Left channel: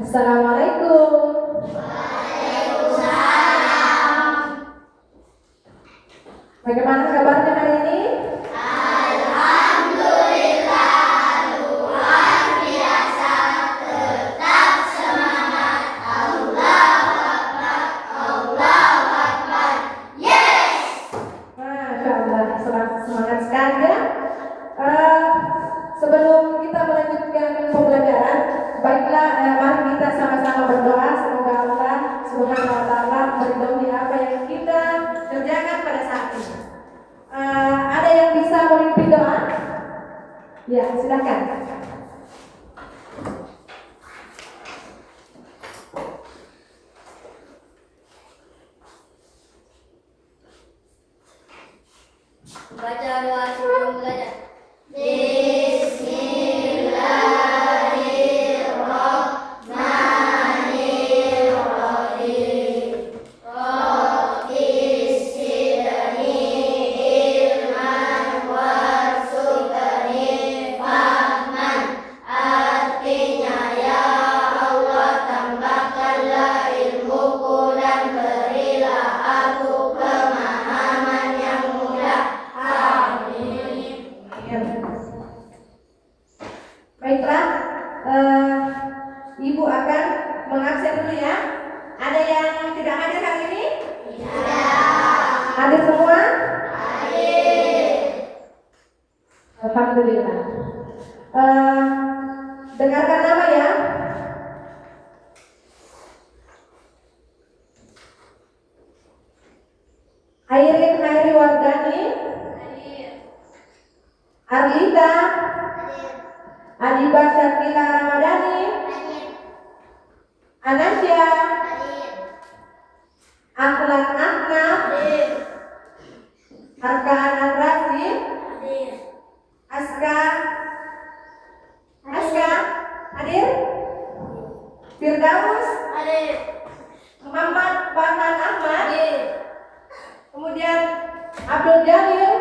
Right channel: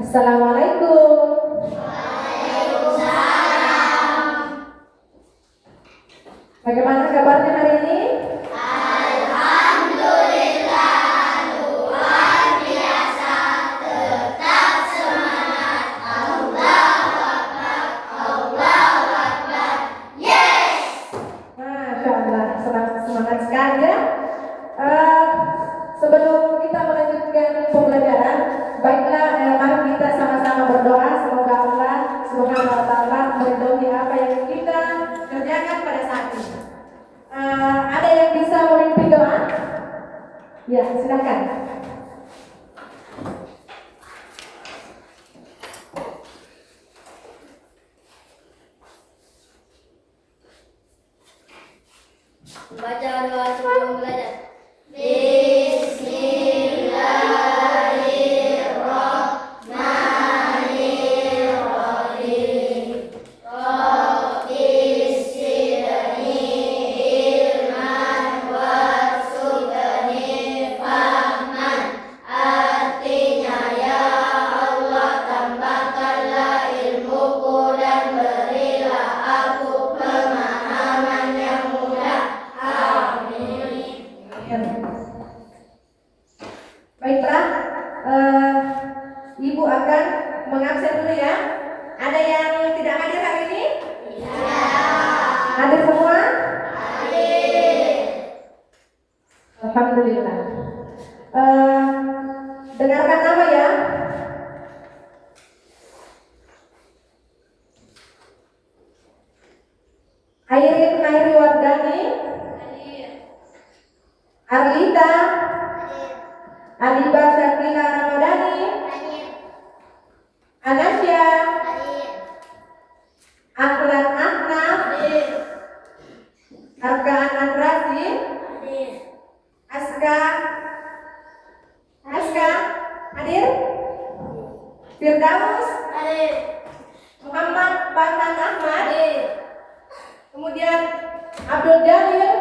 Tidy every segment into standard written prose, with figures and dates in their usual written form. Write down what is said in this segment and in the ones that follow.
Assalamualaikum. Bagaimana kabarnya hari ini? Masya Allah, semangat sekali ya. Sebelum kita melanjutkan pembelajaran, baiklah mari kita sama-sama berdoa semoga Allah Subhanahu wa taala meridhoi apa yang kita kerjakan pada saat ini. Ada yang bisa memimpin doa? Ya, silakan. Baca doa sebelum belajar. Baiklah, Ibu akan mengabsen dulu ya. Ada yang tidak hadir hari ini? Hadir semua? Alhamdulillah. Dengarkan nama ya. Airin Hairi Wardani, Arlita, Aliba Syakila Ramadhani, Anasya, Aklan Ahmad, Arkaan Andrasi, Aska, hadir? Firdaus, Muhammad Farhan Ahmad, kemudian Abdul Jalil,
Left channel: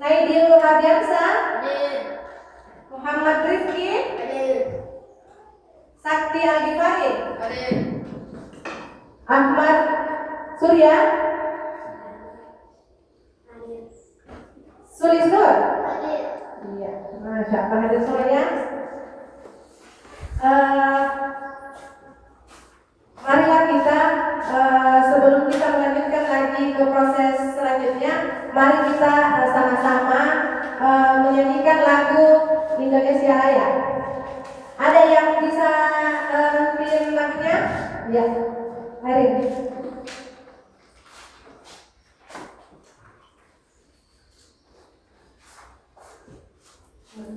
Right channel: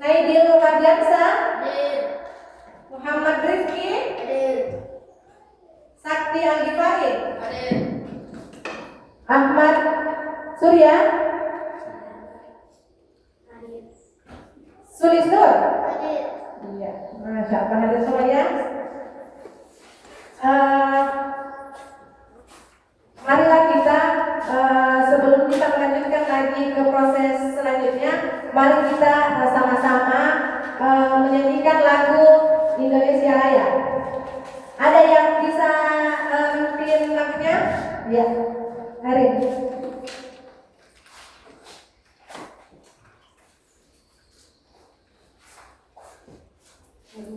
Naidil Hadiansa, Muhammad Rizki, Sakti Al-Ghifari, Ahmad Surya, Sulis Nur. Iya, Masya Allah, hadir semuanya. Marilah kita sebelum kita melanjutkan lagi ke proses selanjutnya, mari kita sama-sama menyanyikan lagu Indonesia Raya. Ada yang bisa mungkin lagunya? Ya, mari.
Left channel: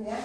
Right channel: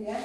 Ya.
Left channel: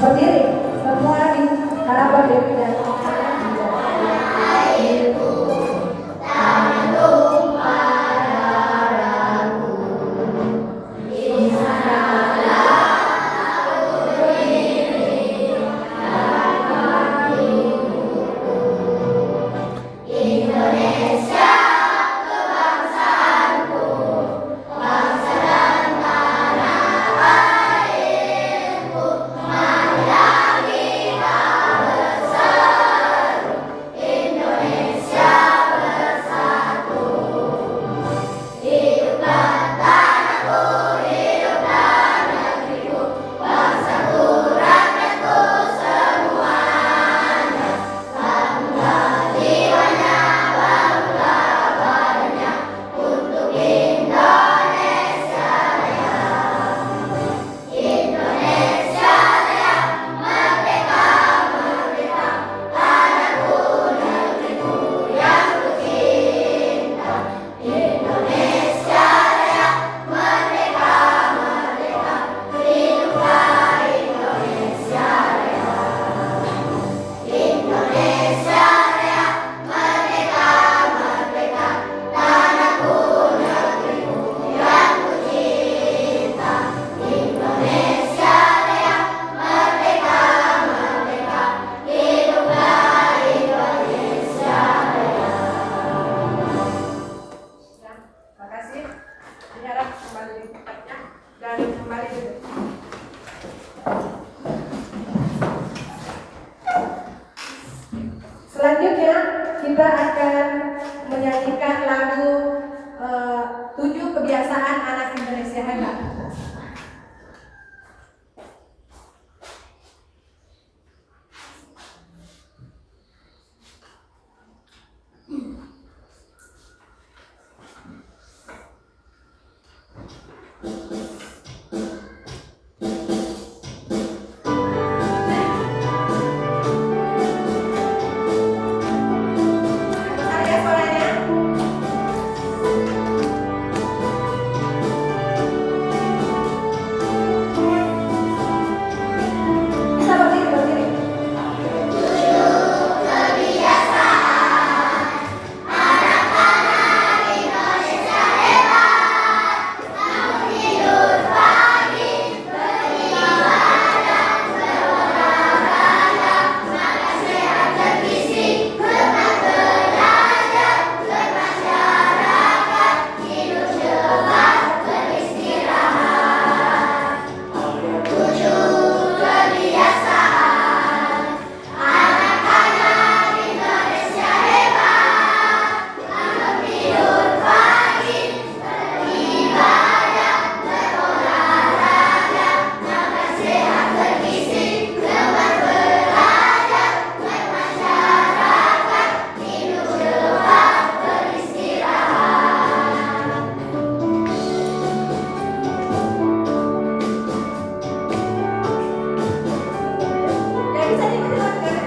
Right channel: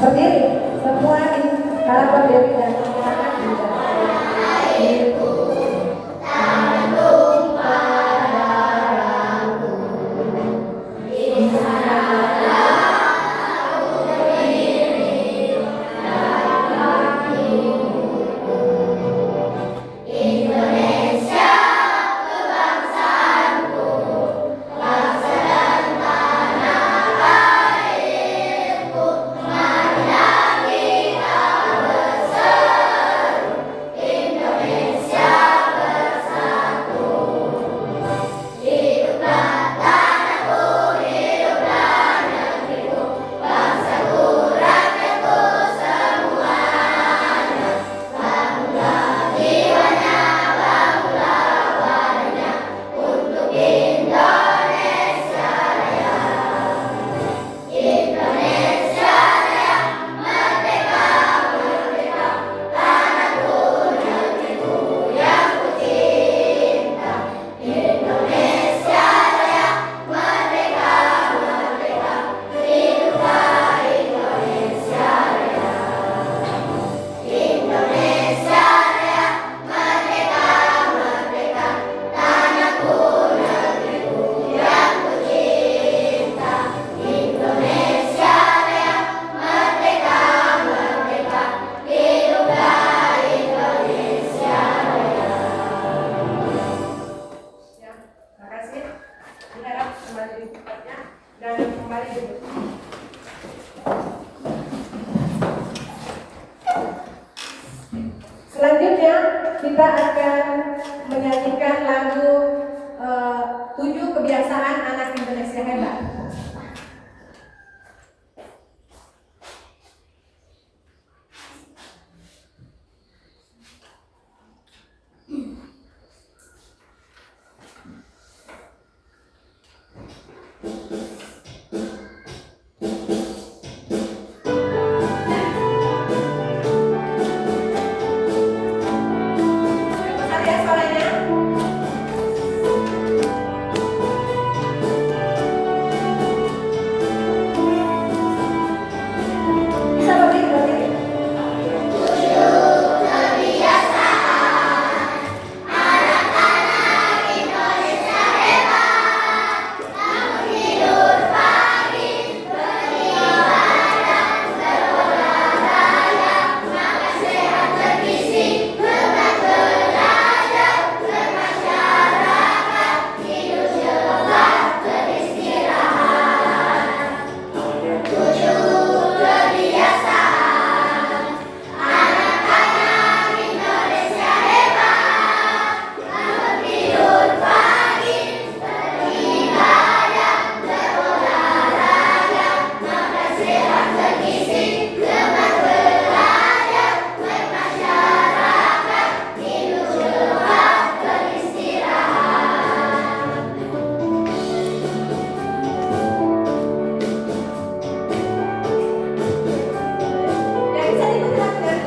Berdiri, semua di hadapan Dewi dan Selanjutnya kita akan menyanyikan lagu 7 Kebiasaan Anak Indonesia Hebat. Besar ya suaranya. Bisa berdiri. Yang bisa diikuti lagunya.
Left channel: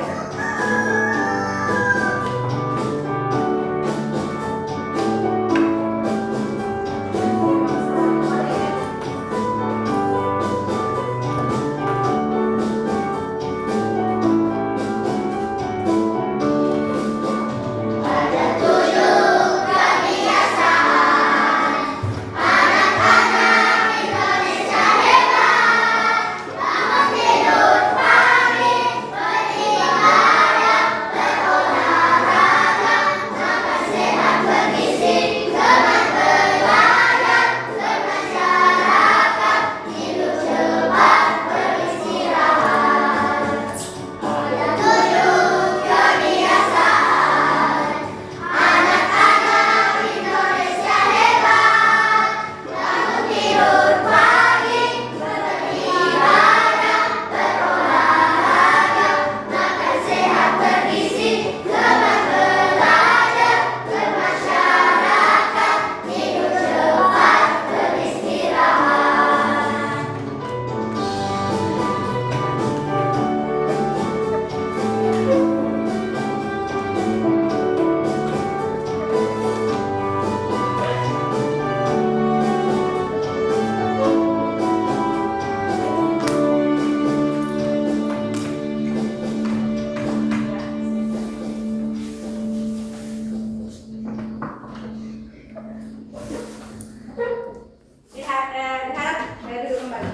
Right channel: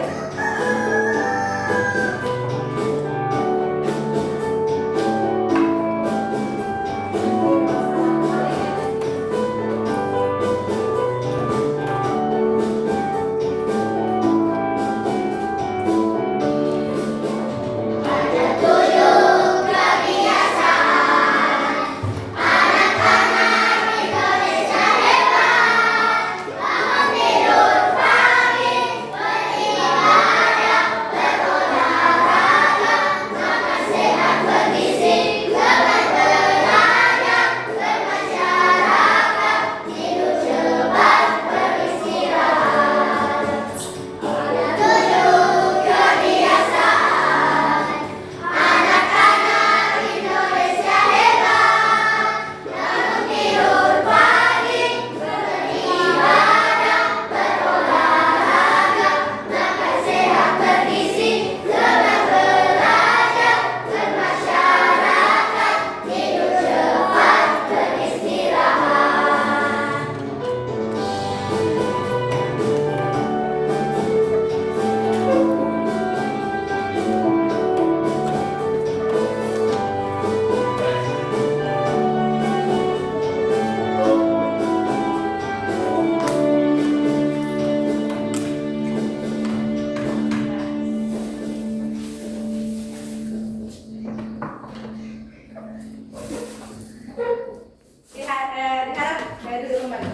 Diharap duduk kembali.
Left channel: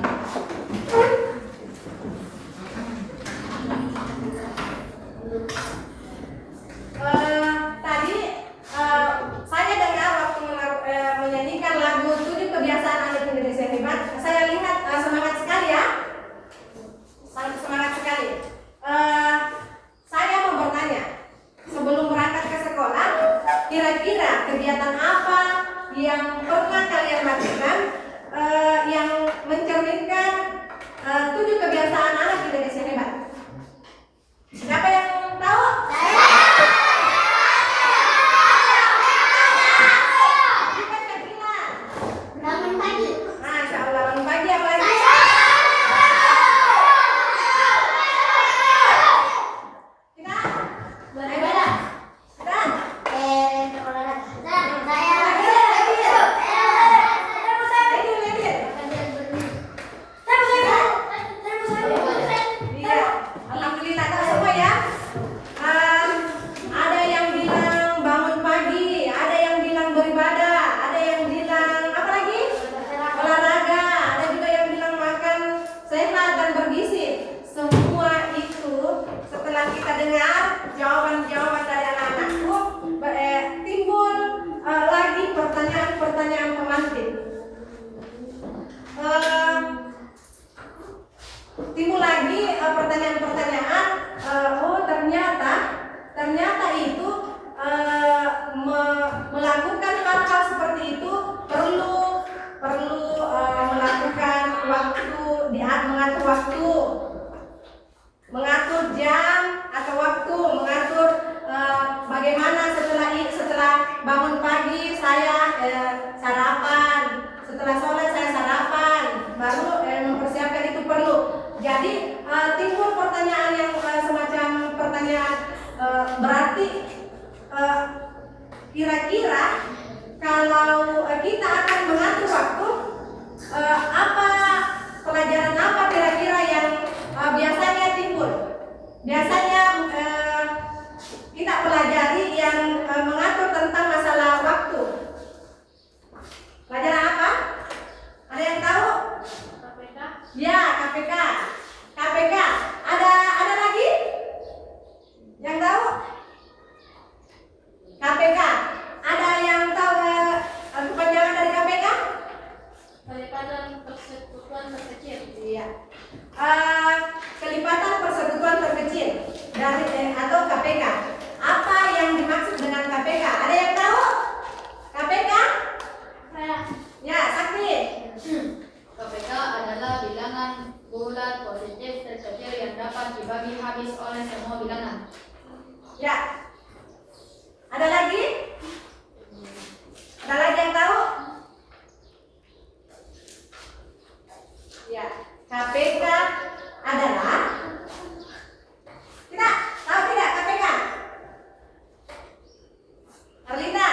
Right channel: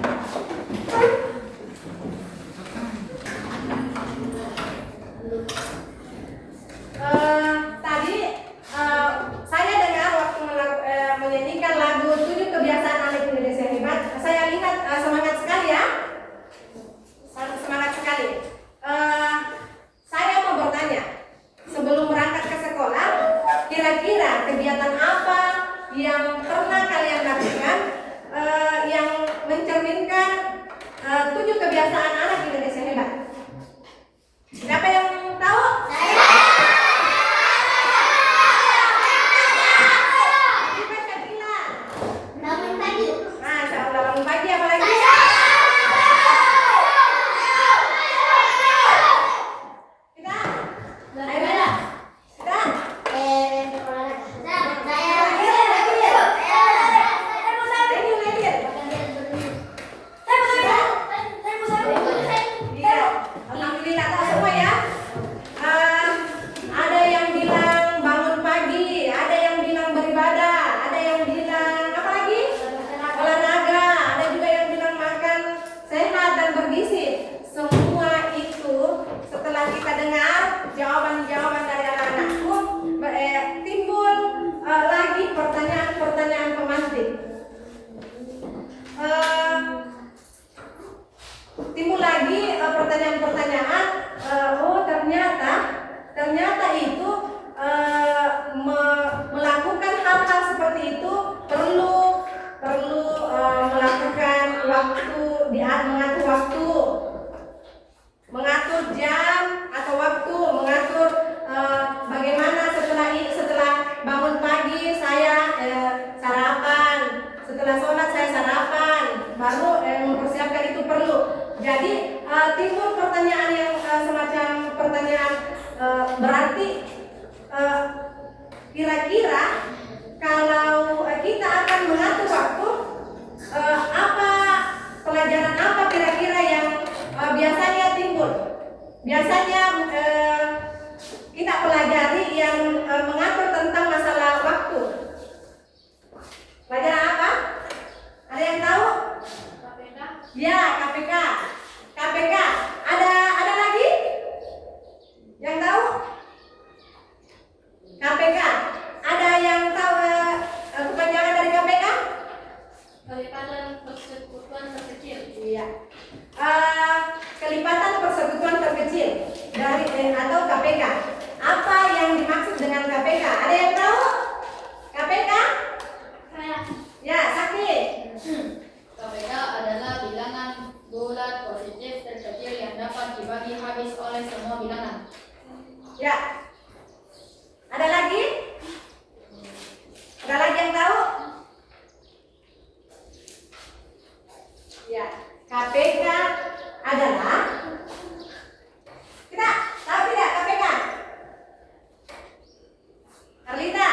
Tadi saya dengar waktu menyanyikan lagu 7 Kebiasaan Anak Indonesia Hebat, saya lihat semangat sekali ya, semangat sekali. Saya mau bertanya, sebelum berangkat ke sekolah, kira-kira kegiatan apa yang pernah kalian lakukan yang mencerminkan 7 kebiasaan anak Indonesia hebat? Siapa yang tahu? Siapa yang bilang? Bangun pagi. Nah, udah bangun pagi apa lagi? Kita? Ayo Bella. Kita? Iya, alhamdulillah tahu semua ya. Ada yang bilang bangun pagi, ada yang bilang beribadah, ada yang bilang apa lagi? Olahraga, ada juga yang bilang makan sehat dan bergizi. Semua itu setelah kita dengar jawaban-jawaban dari anak-anakku, timbul lagi pertanyaan-pertanyaan pemantik. Timbul lagi pertanyaan-pertanyaan. Oh ternyata pertanyaan berarti kira-kira kalau kita akan mengatur waktu, apa pelajaran apa kira-kira yang biasanya timbul? Biasanya kita pelajari yang mengatur tentang masalah waktu. Pelajaran apa? Ada yang tahu? KPK. Ya, KPK. KPK. Ada lagi? Yang tahu? KPK. Ada yang tahu kepanjangan dari KPK? Kelipatan persekutuan terkecil. Iya. Kelipatan persekutuan terkecil dari atau KPK. Apa yang dimaksud dengan KPK? Ada yang tahu? KPK? Saya. Ya, Sakti. KPK adalah bilangan bulat positif terkecil yang dapat dibagi habis oleh semua bilangan. Ya. Ada lagi? Ada lagi yang tahu? Ya, KPK adalah tidak tahu tidak KPK? Arlita.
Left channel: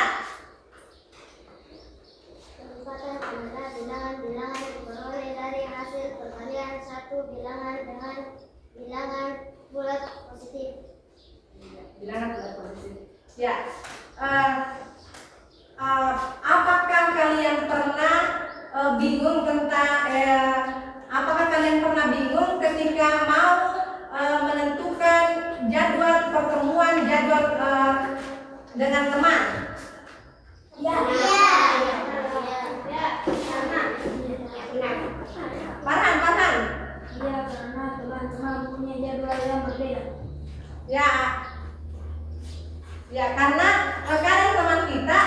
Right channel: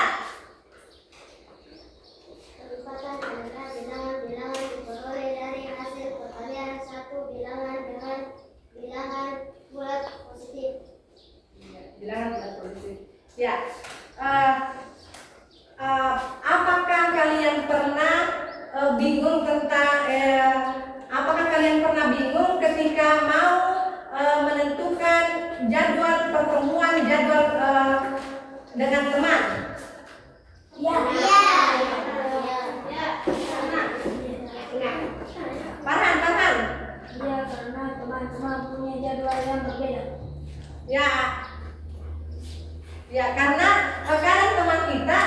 Kelipatan adalah bilangan-bilangan diperoleh dari hasil perkalian satu bilangan dengan bilangan bulat positif. Bilangan bulat positif. Ya. Apakah kalian pernah bingung tentang apakah kalian pernah bingung ketika mau menentukan jadwal pertemuan jadwal dengan teman? Ya. Farhan. Iya, karena teman-teman punya jadwal yang berbeda. Ya. Ya, karena kadang teman kita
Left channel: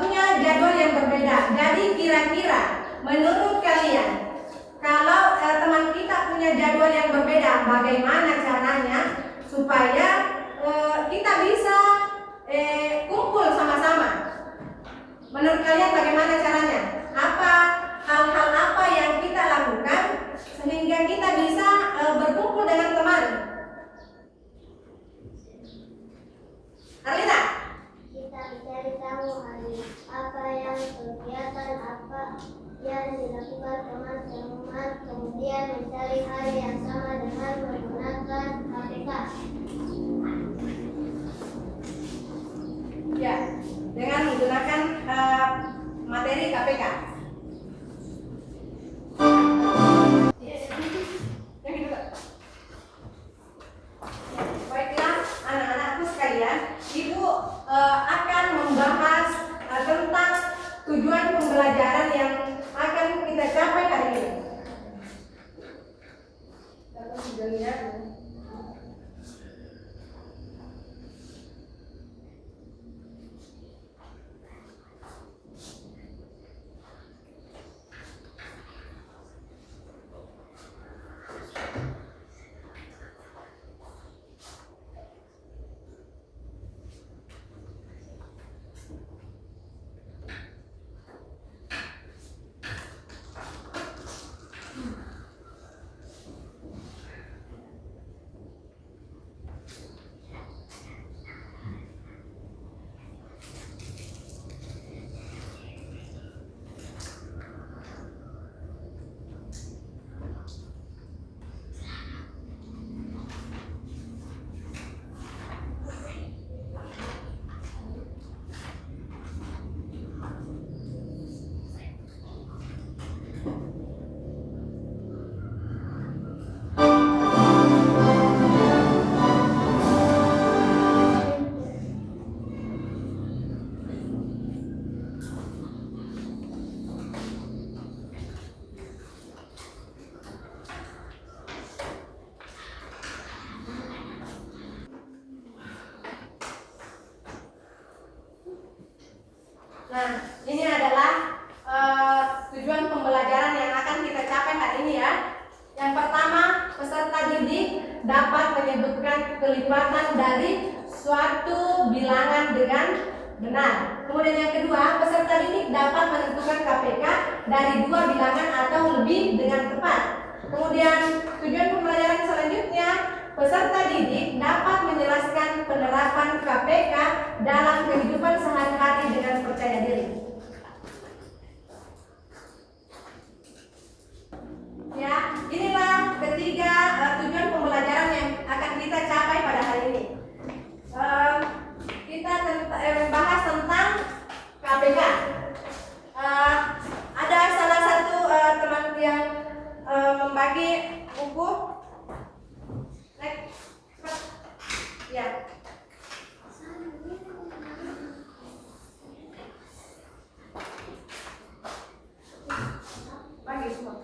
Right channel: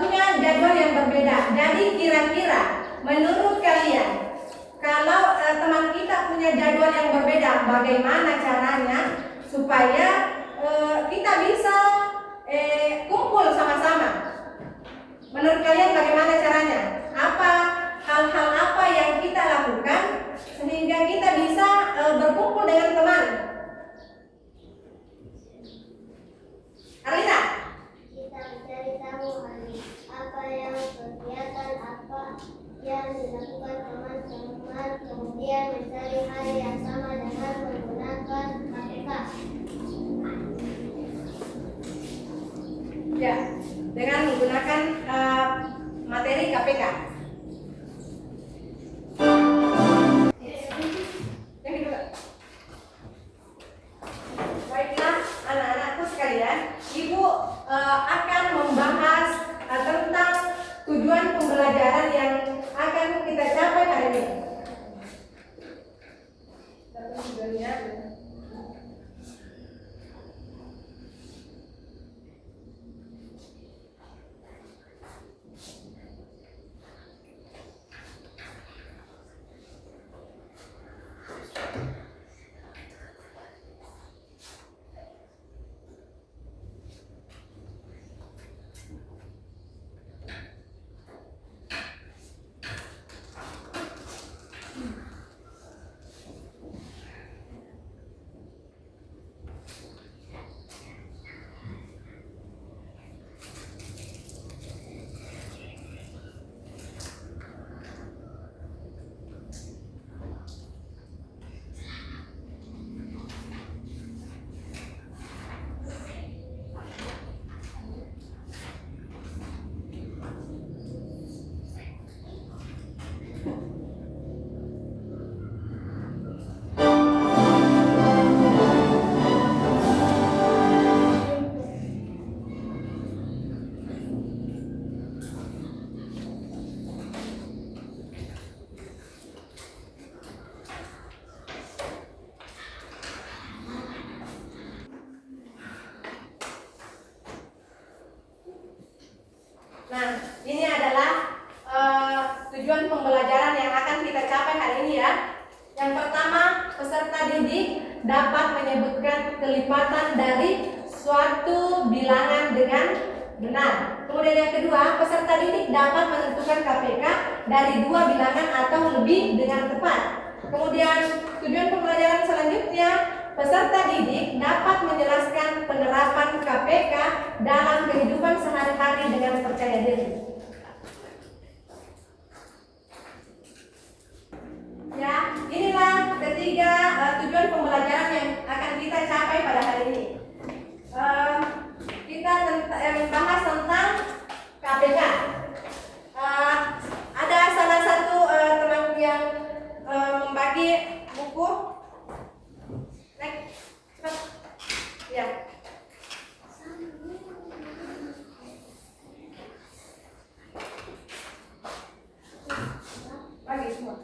punya jadwal yang berbeda. Jadi kira-kira menurut kalian kalau teman kita punya jadwal yang berbeda, bagaimana caranya supaya kita bisa kumpul sama-sama? Menurut kalian bagaimana caranya? Apa hal-hal apa yang kita lakukan sehingga kita bisa berkumpul dengan teman? Arlita? Kita mencari tahu hari apa yang kegiatan apa yang dilakukan teman-teman, kemudian mencari hari yang sama dengan menggunakan KPK. Ya, dengan menggunakan materi KPK. Yang kedua. Baiklah, anak-anakku sekalian, Ibu akan membahas tentang tujuan pembelajaran yang akan kita capai hari ini. Datang juga lihat. Nah, ini adalah tujuan pembelajaran yang akan kita capai hari ini ya. Yang pertama, peserta didik dapat menyebutkan kelipatan dari suatu bilangan dengan benar. Kemudian yang kedua, peserta didik dapat menentukan KPK dari dua bilangan atau lebih dengan tepat. Kemudian tujuan pembelajaran selanjutnya, peserta didik dapat menjelaskan penerapan KPK dalam kehidupan sehari-hari dengan percaya diri. Ya, inilah ketiga tujuan pembelajaran yang akan kita capai pada hari ini. Kita bahas tentang KPK. Ada salah satu teman yang membagi buku. Next, cepat. Ya. Bagi semua.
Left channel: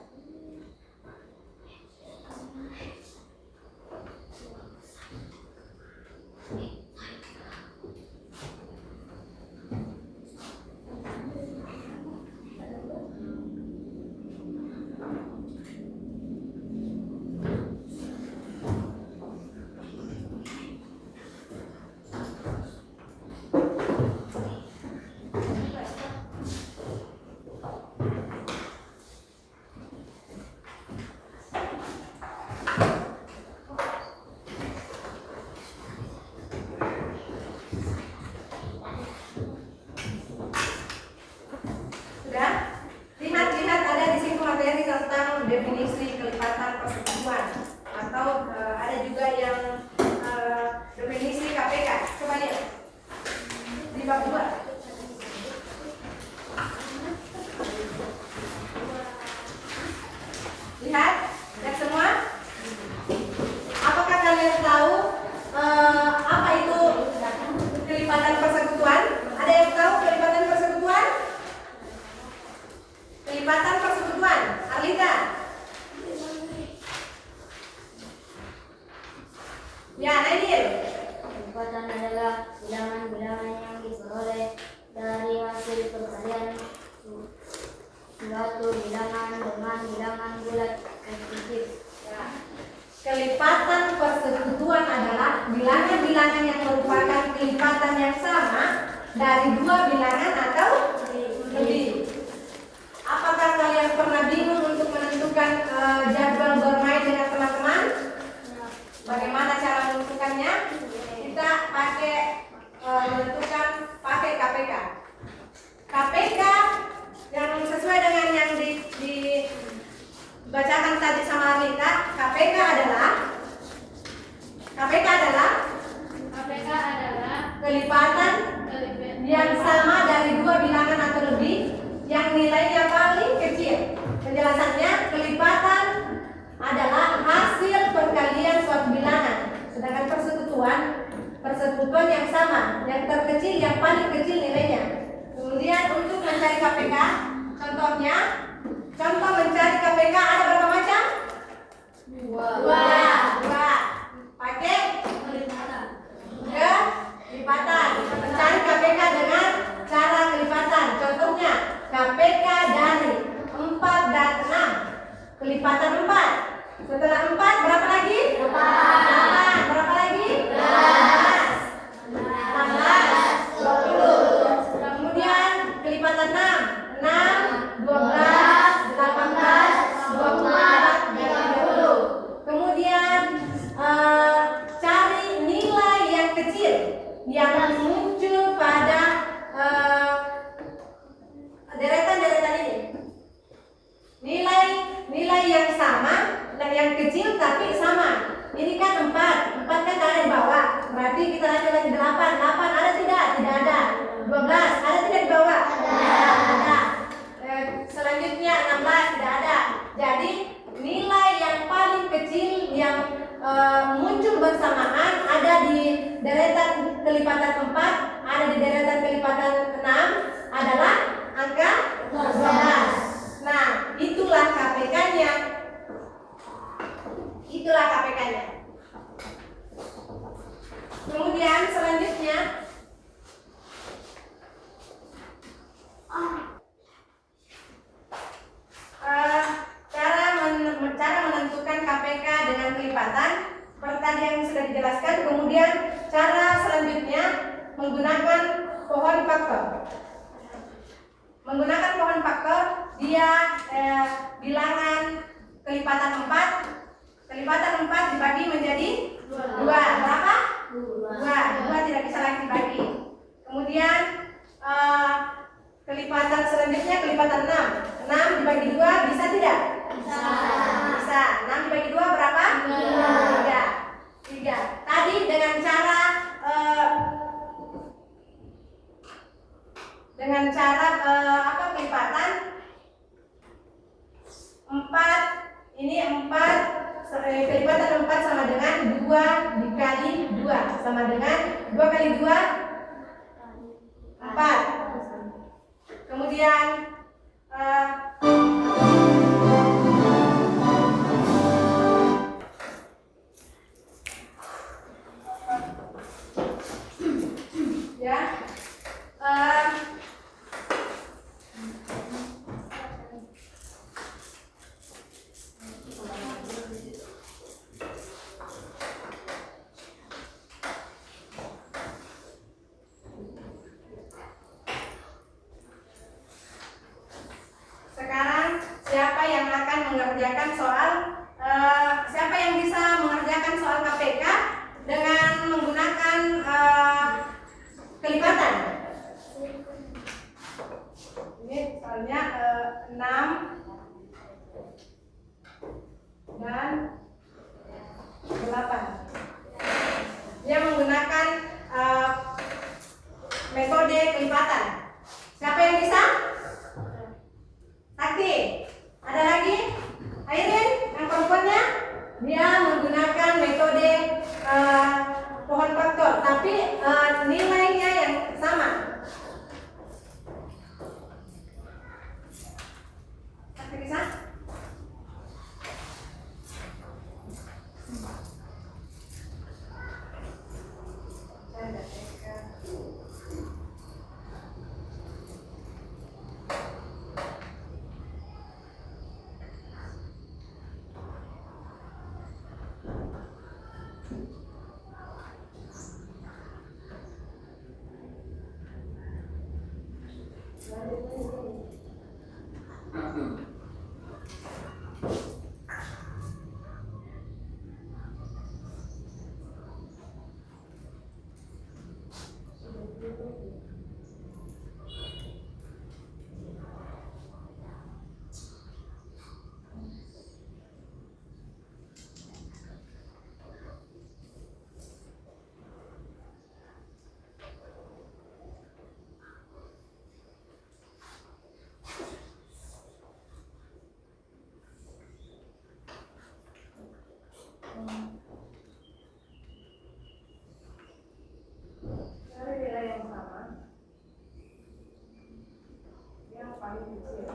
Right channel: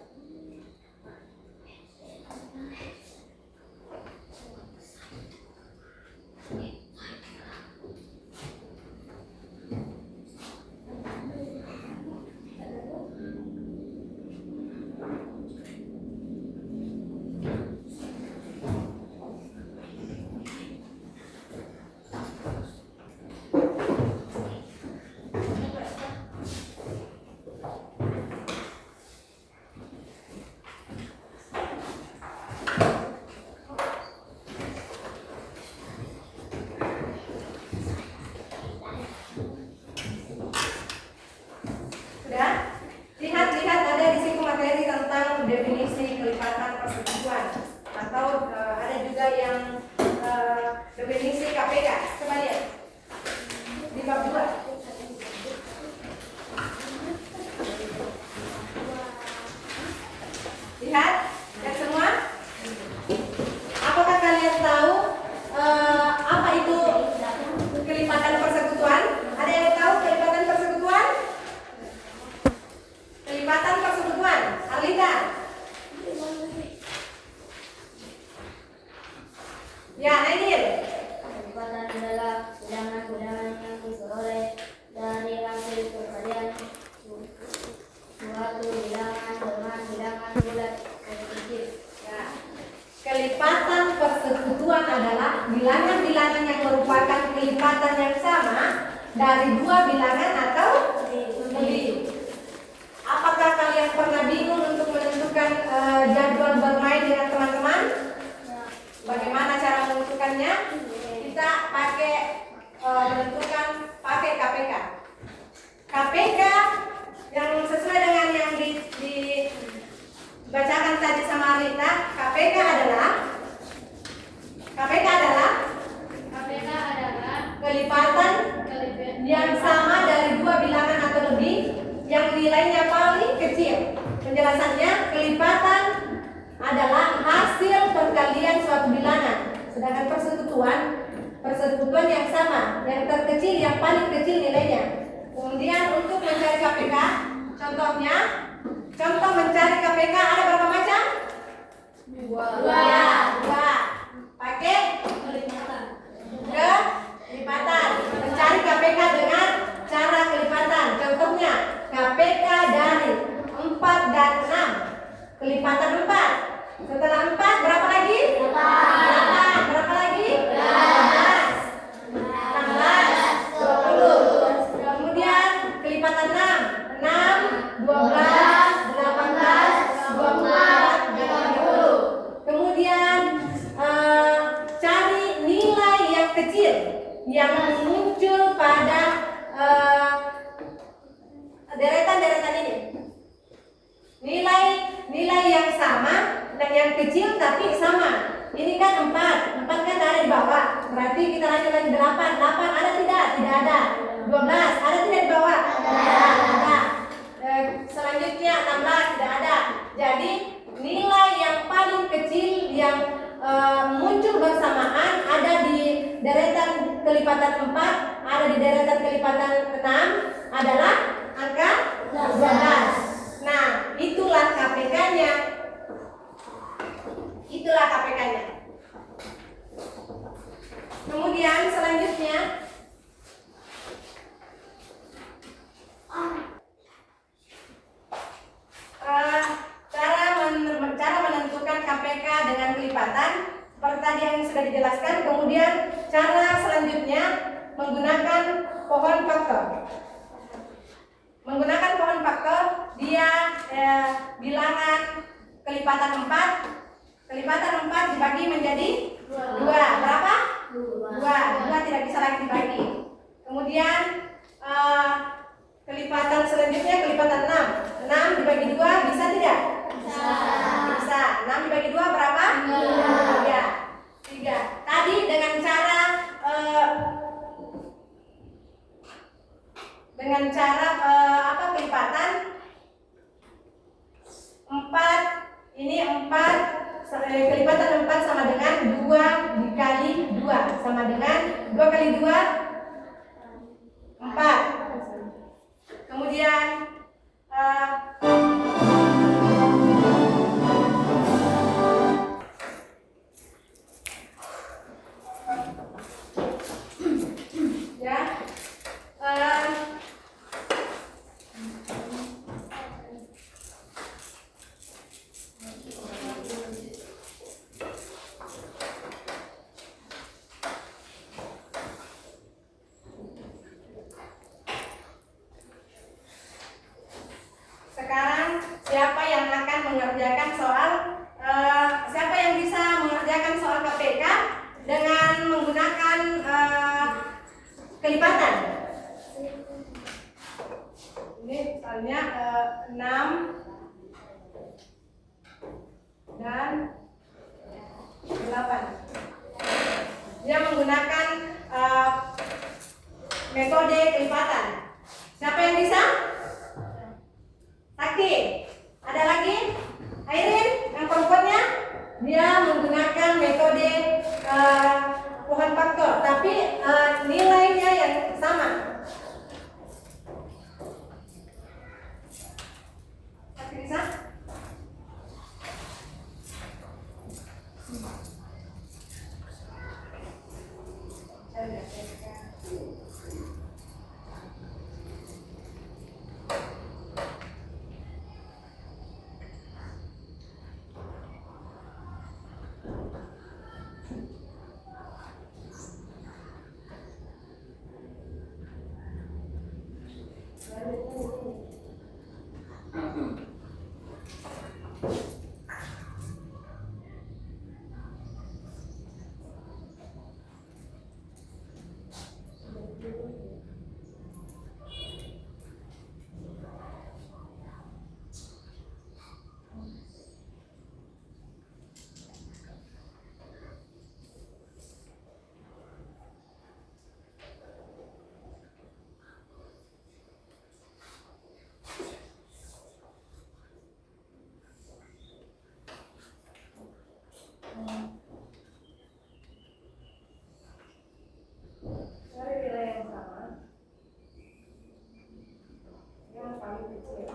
Lihat ada di situ materi tentang definisi kelipatan persekutuan atau ada juga yang definisi KPK. Coba lihat di bab 2. Lihat semua. Apakah kalian tahu apa itu kelipatan persekutuan? Ada yang tahu kelipatan persekutuan? Kelipatan persekutuan, Arlita. Ya, Nadir. Kelipatan adalah bilangan-bilangan yang diperoleh dari hasil perkalian suatu bilangan dengan bilangan bulat dan kecil. Ya. Kelipatan persekutuan adalah bilangan-bilangan yang merupakan kelipatan yang sama dari dua bilangan atau lebih. Apakah kalian pernah bingung untuk menentukan jadwal bermain dengan teman-teman? Bagaimana cara menentukannya? Kita menentukan pakai KPK. KPK yang sesuai dengan yang dibacakan tadi sama Rita. KPK adalah kelipatan yang sama dari dua bilangan atau lebih yang nilainya paling kecil. Penjelasannya, kelipatan adalah hasil perkalian suatu bilangan. Sedangkan persekutuan yang sama, yang terkecil yang paling kecil nilainya. Kemudian untuk mencari KPK, contoh mencari KPK ada berapa macam? Dua. Pakai kelipatan. Mencari KPK dengan cara kelipatan. Contohnya KPK dari 4 dan 6. Kelipatan 4. Setelah 4 berapa lagi? 8. Berapa lagi? 18, 20. Kemudian kelipatan 6. 6, 12, 18, 24, 30. Kemudian cari nilai yang kecil yang muncul pada deretan-deretan ini. Nilai yang sama dan yang kecil tapi sama. Ini kan 4 kan ada di bawah. Berarti kita lagi 8 ada tidak? Tidak ada. 12 ada tidak di bawah? Ada. Selanjutnya 16 tidak ada. Jadi nilai yang paling kecil yang muncul bersamaan ada di deretan kelipatan 4, ada di deretan kelipatan 6 adalah angka 12. Nah, itulah KPK-nya. Kemudian selanjutnya cara menentukan KPK dengan kelipatan seperti tadi yang sudah dijelaskan. Kemudian cara selanjutnya menggunakan pohon faktor. Menggunakan pohon faktor, dia bilangan kelipatan 4 Kelipatan 4 dibagi menjadi 2. Berapa? 2 tidak bisa lagi dibagi. Kemudian kelipatan selanjutnya kelipatan 6. 6 dibagi 2 bisa tidak? Bisa. 6 dibagi 2 berapa? 3. Tadi dengan cara apa kelipatan 4. Ini 4 kelipatan 4 sama dengan 2 dikali 2 sama dengan 2 kali 2 4. Kemudian ya sekarang siapa yang akan mengerjakan soal siapa yang bisa mengerjakan soal KPK dengan menggunakan kelipatan? Ini soalnya 6 dan 8. Dia menggunakan metode kelipatan. Siapa yang bisa? Sakti. Ada lagi? Airin, yang perempuannya? Dia menggunakan metode pohon faktor, tapi nilainya yang sama. Sakti bisa? Cari nilai yang sama, yang paling kecil.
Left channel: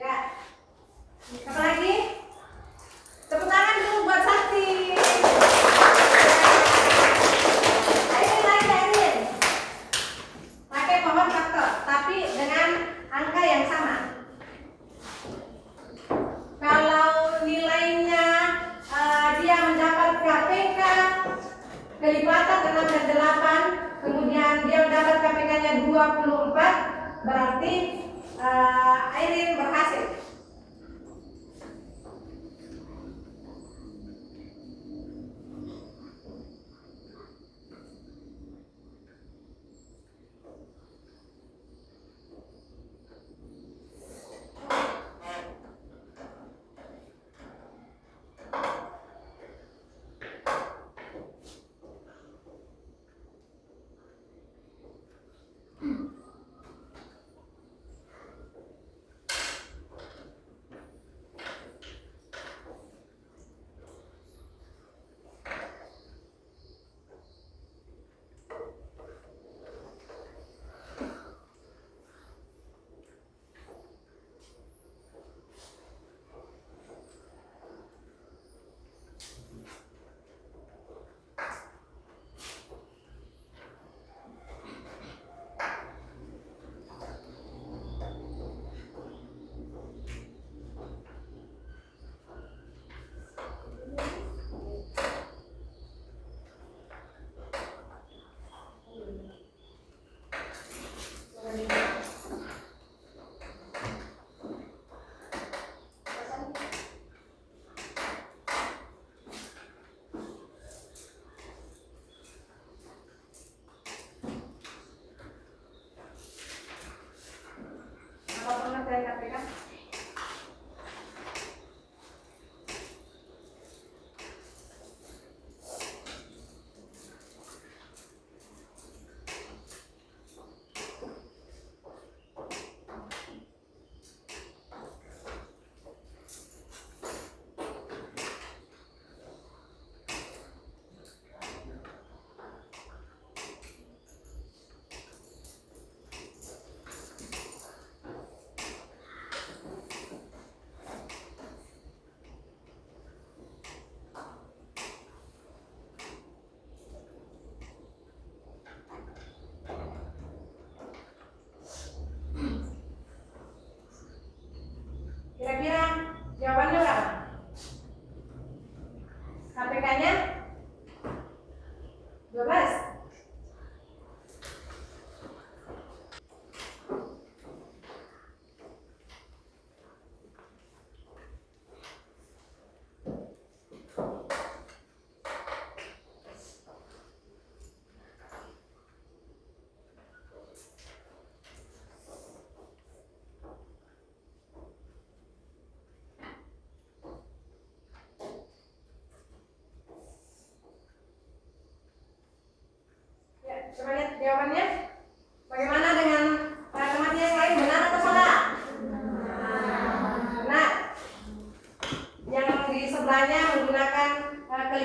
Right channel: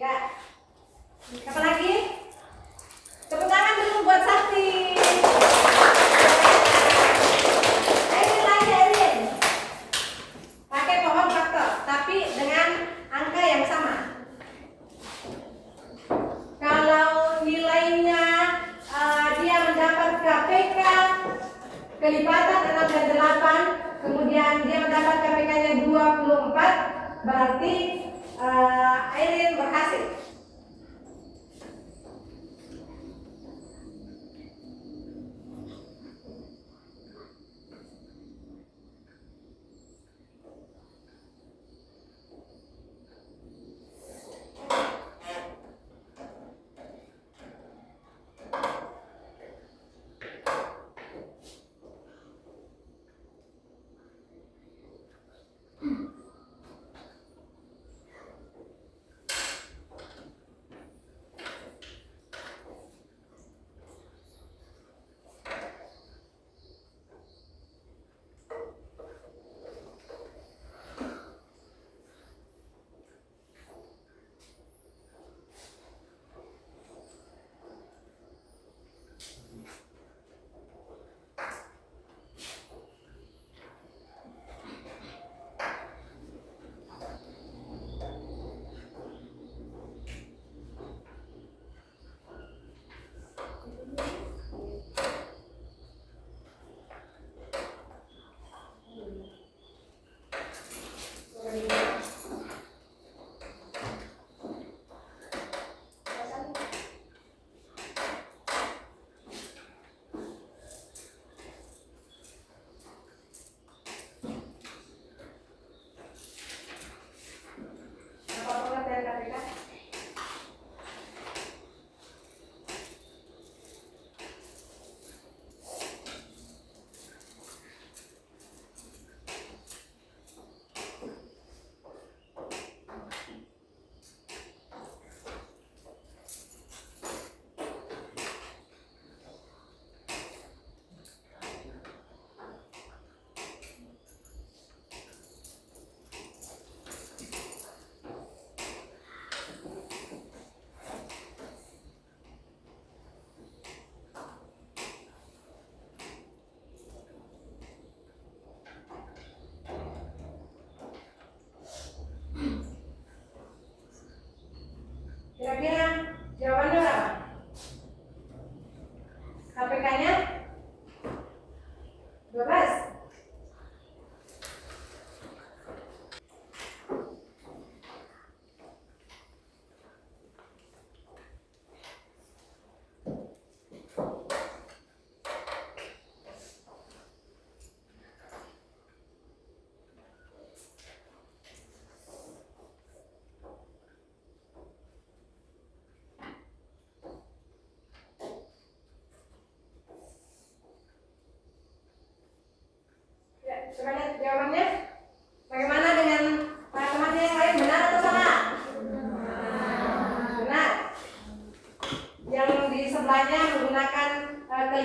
Ya. Apa lagi? Tepuk tangan dulu buat Sakti. Airin lagi, Airin. Pakai pohon faktor, tapi dengan angka yang sama. Kalau nilainya dia mendapat KPK kelipatan 6 dan 8, kemudian dia mendapat KPK-nya 24, berarti Airin berhasil.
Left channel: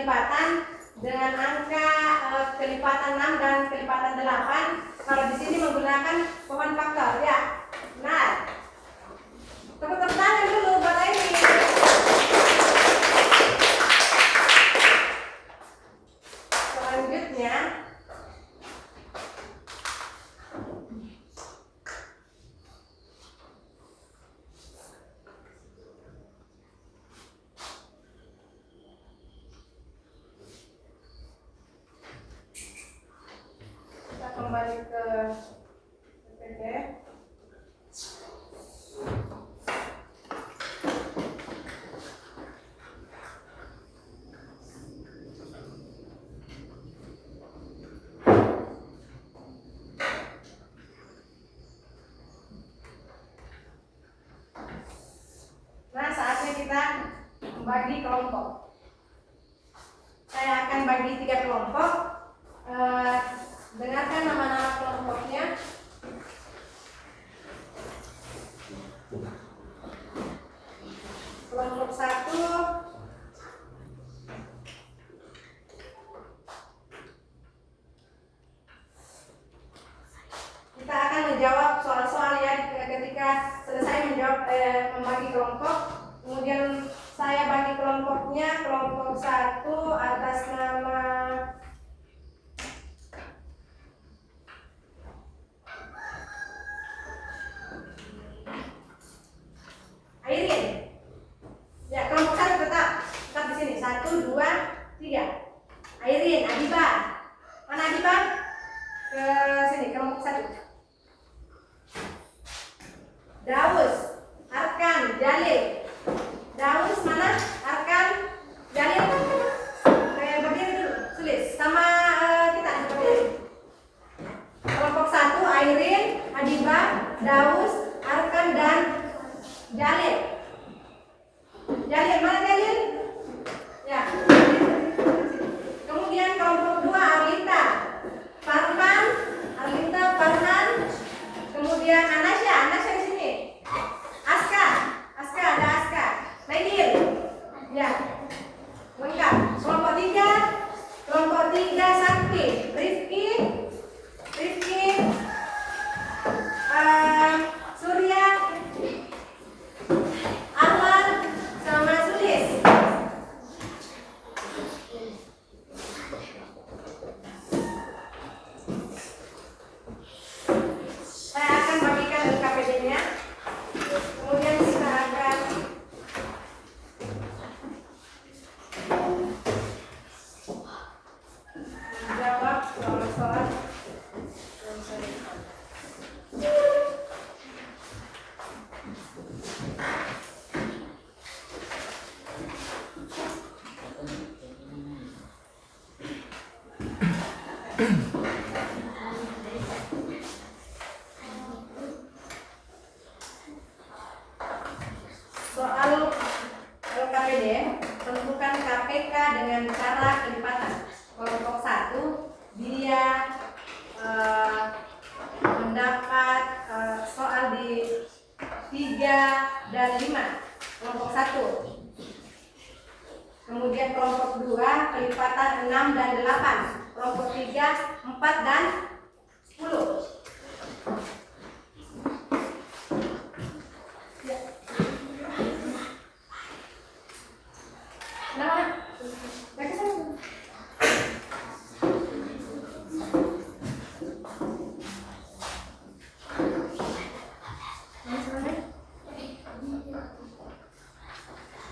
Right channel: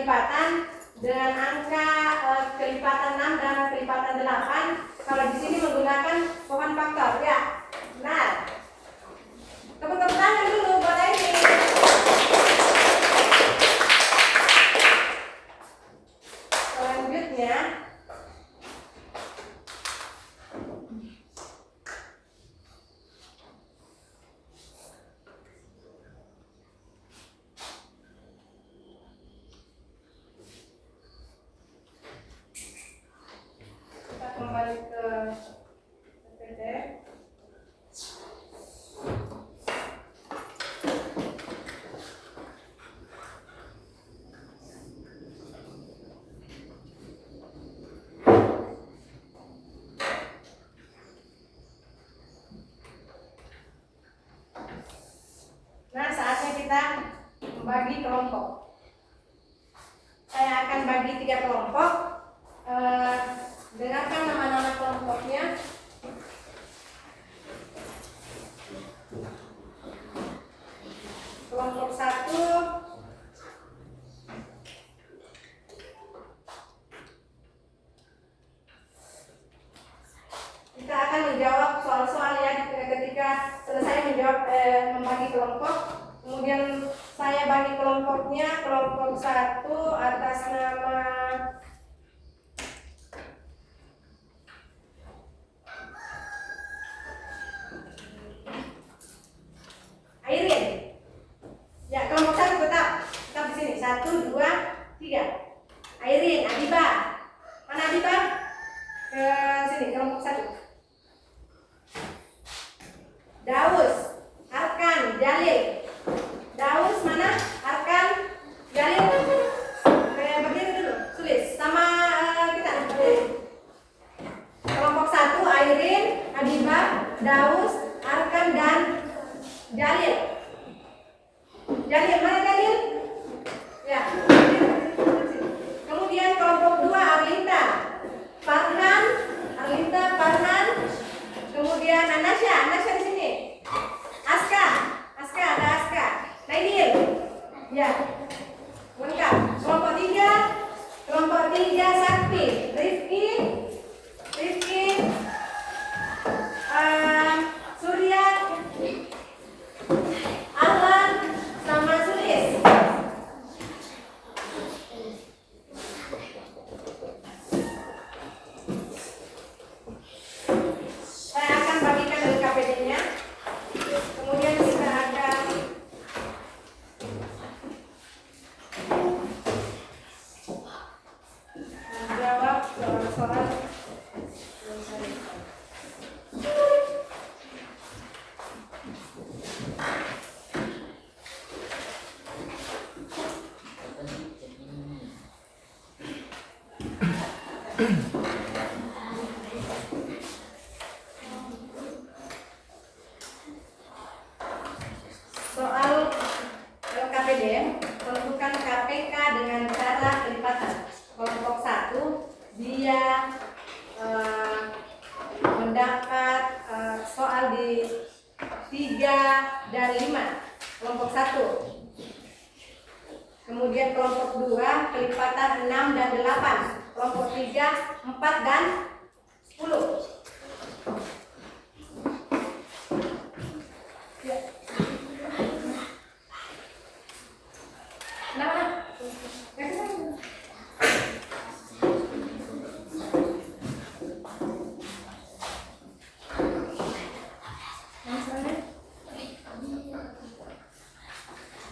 kelipatan dengan angka kelipatan 6 dan kelipatan 8. Kalau di sini menggunakan pohon faktor, ya. Benar. Tepuk tangan dulu buat ini. Selanjutnya kita kembali ke PPT. Nah, saatnya kita membagi kelompok. Saya akan bagi 3 kelompok. Dengarkan nama-nama kelompoknya. Kelompok 1 kita akan menjawab soal-soal ya ketika selesai menjawab membagi kelompok. Kemudian saya bagi kelompoknya. Kelompok 1 atas nama Airin. Ya, kelompok 1 tetap di sini. 1, 2, 3. Airin, Adiba. Mana Adiba? Ke sini, kelompok 1. Daus, Arkan, Jalil. Daus mana? Arkan, Jalil. Berdiri dulu, tulis sama kita berdiri. Kelompok 1 Airin, Adiba, Daus, Arkan dan Jalil. Jalil, mana Jalil? Ya. Kemudian kelompok 2 Arlinta, Farhan, Arlinta, Farhan. Kemudian Anasya di sini. Aska, ada Aska. Naidil. Ya. Lengkap. Kelompok 3 Sakti, Rifki, Surya, Arman, sama Sulis. Saya akan bagikan LKPD-nya. Kemudian kita akan menjawab soal-soal yang saya lihat. Soal LKPD, tentukan KPK dengan cara kelipatan. Kelompok 1 dia mendapat soal di 3 dan 5. Kelompok 1. Kemudian kelompok 2 kelipatan 6 dan 8. Kelompok 3 4 dan 10. Ya. Kenapa? Gak kesana.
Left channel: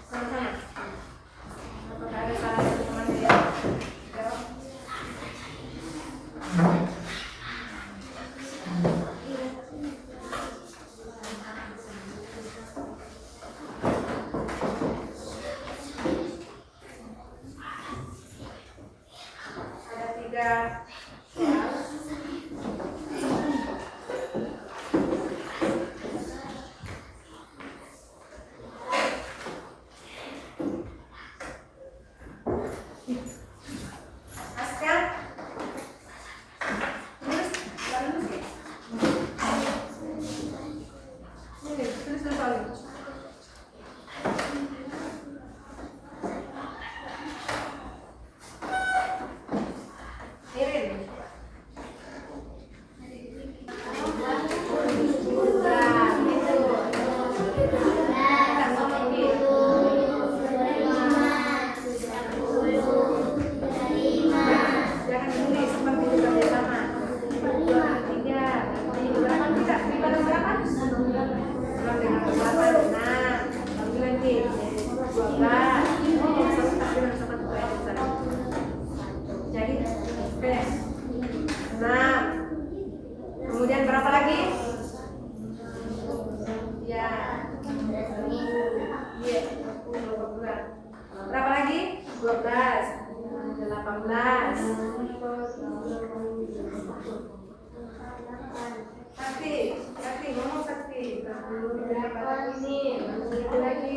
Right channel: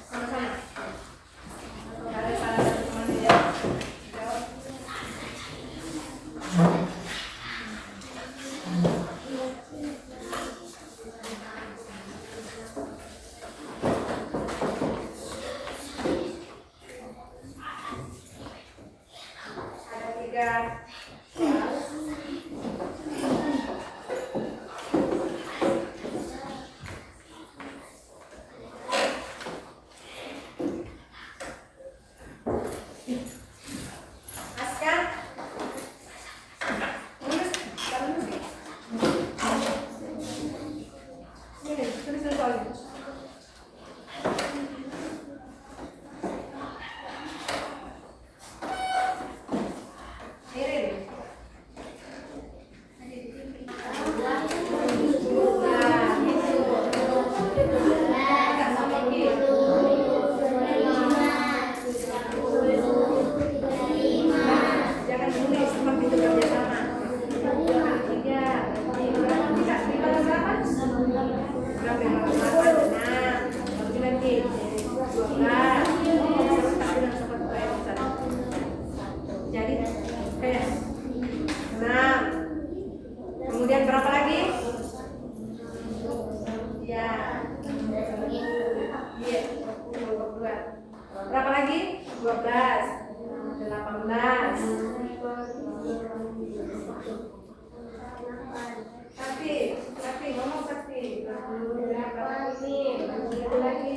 Sama-sama. Atau gak ada salah satu teman dia jawab. 17, 18. Sakti, ngomong Sakti. 20 berapa ini? 20 lagi.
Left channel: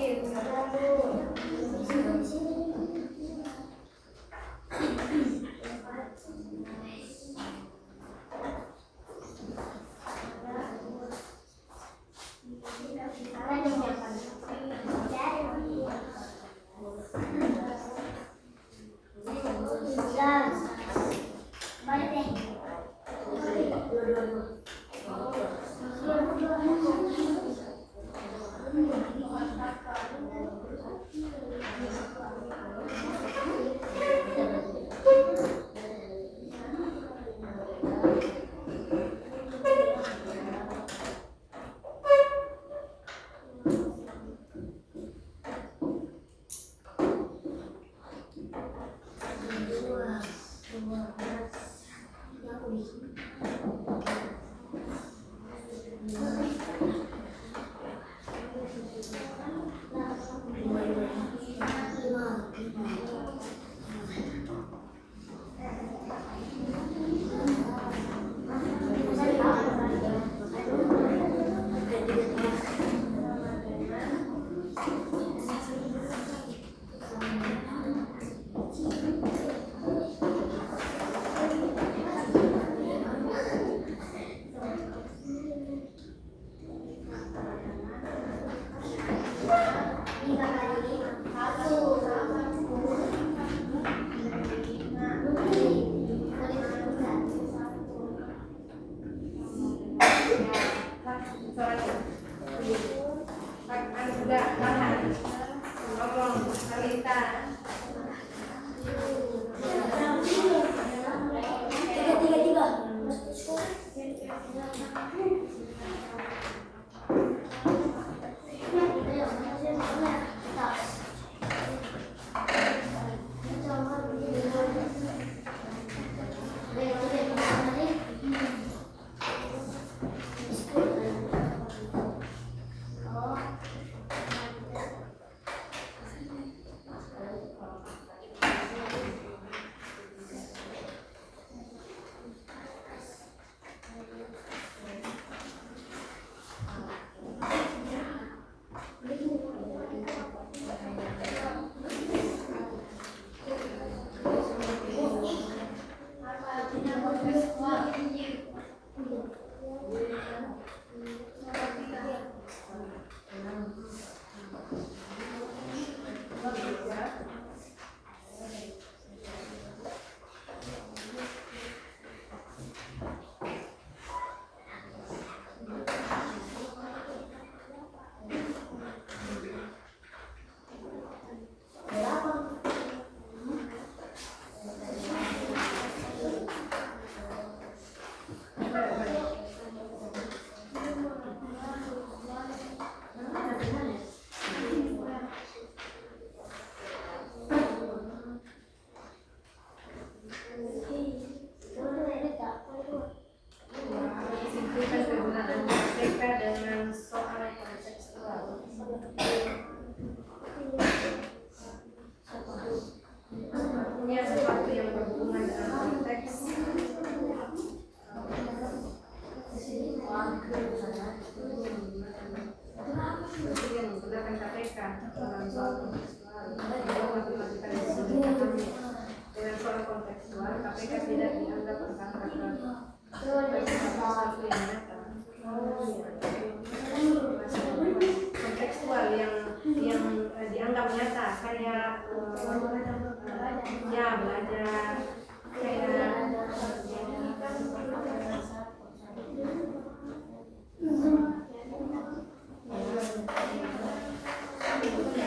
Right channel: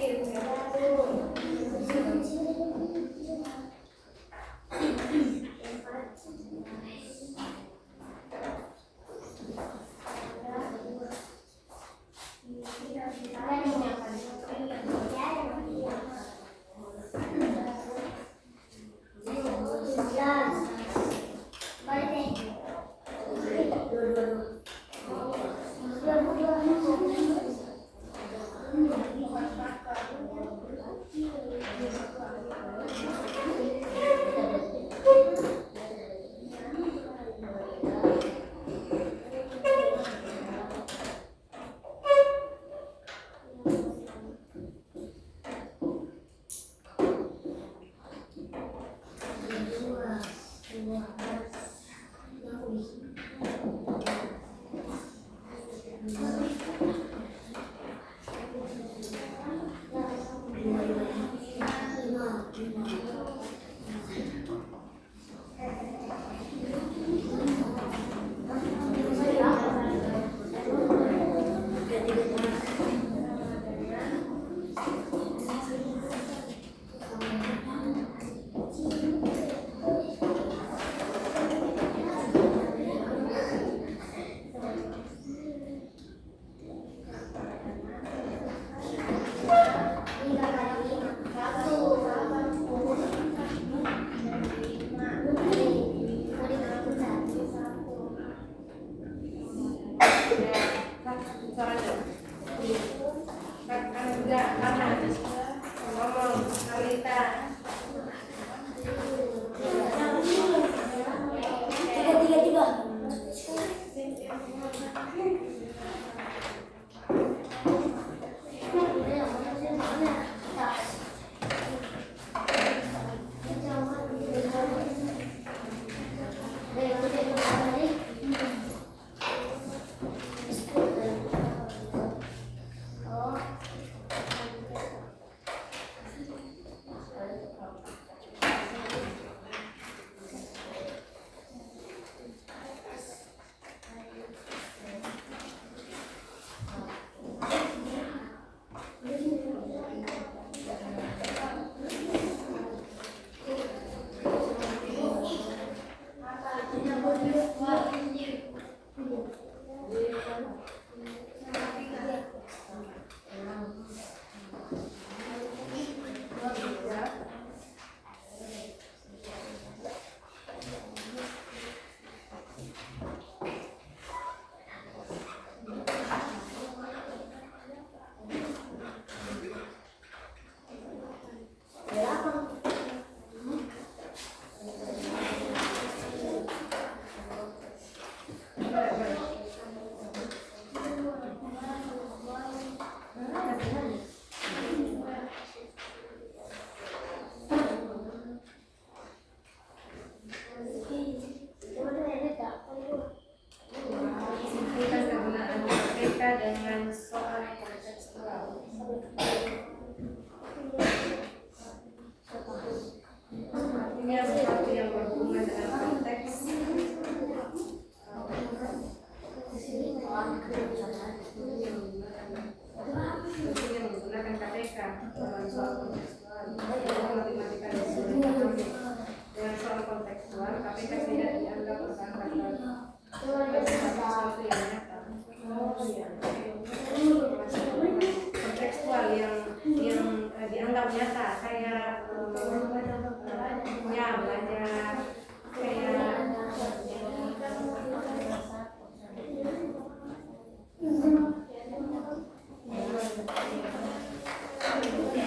20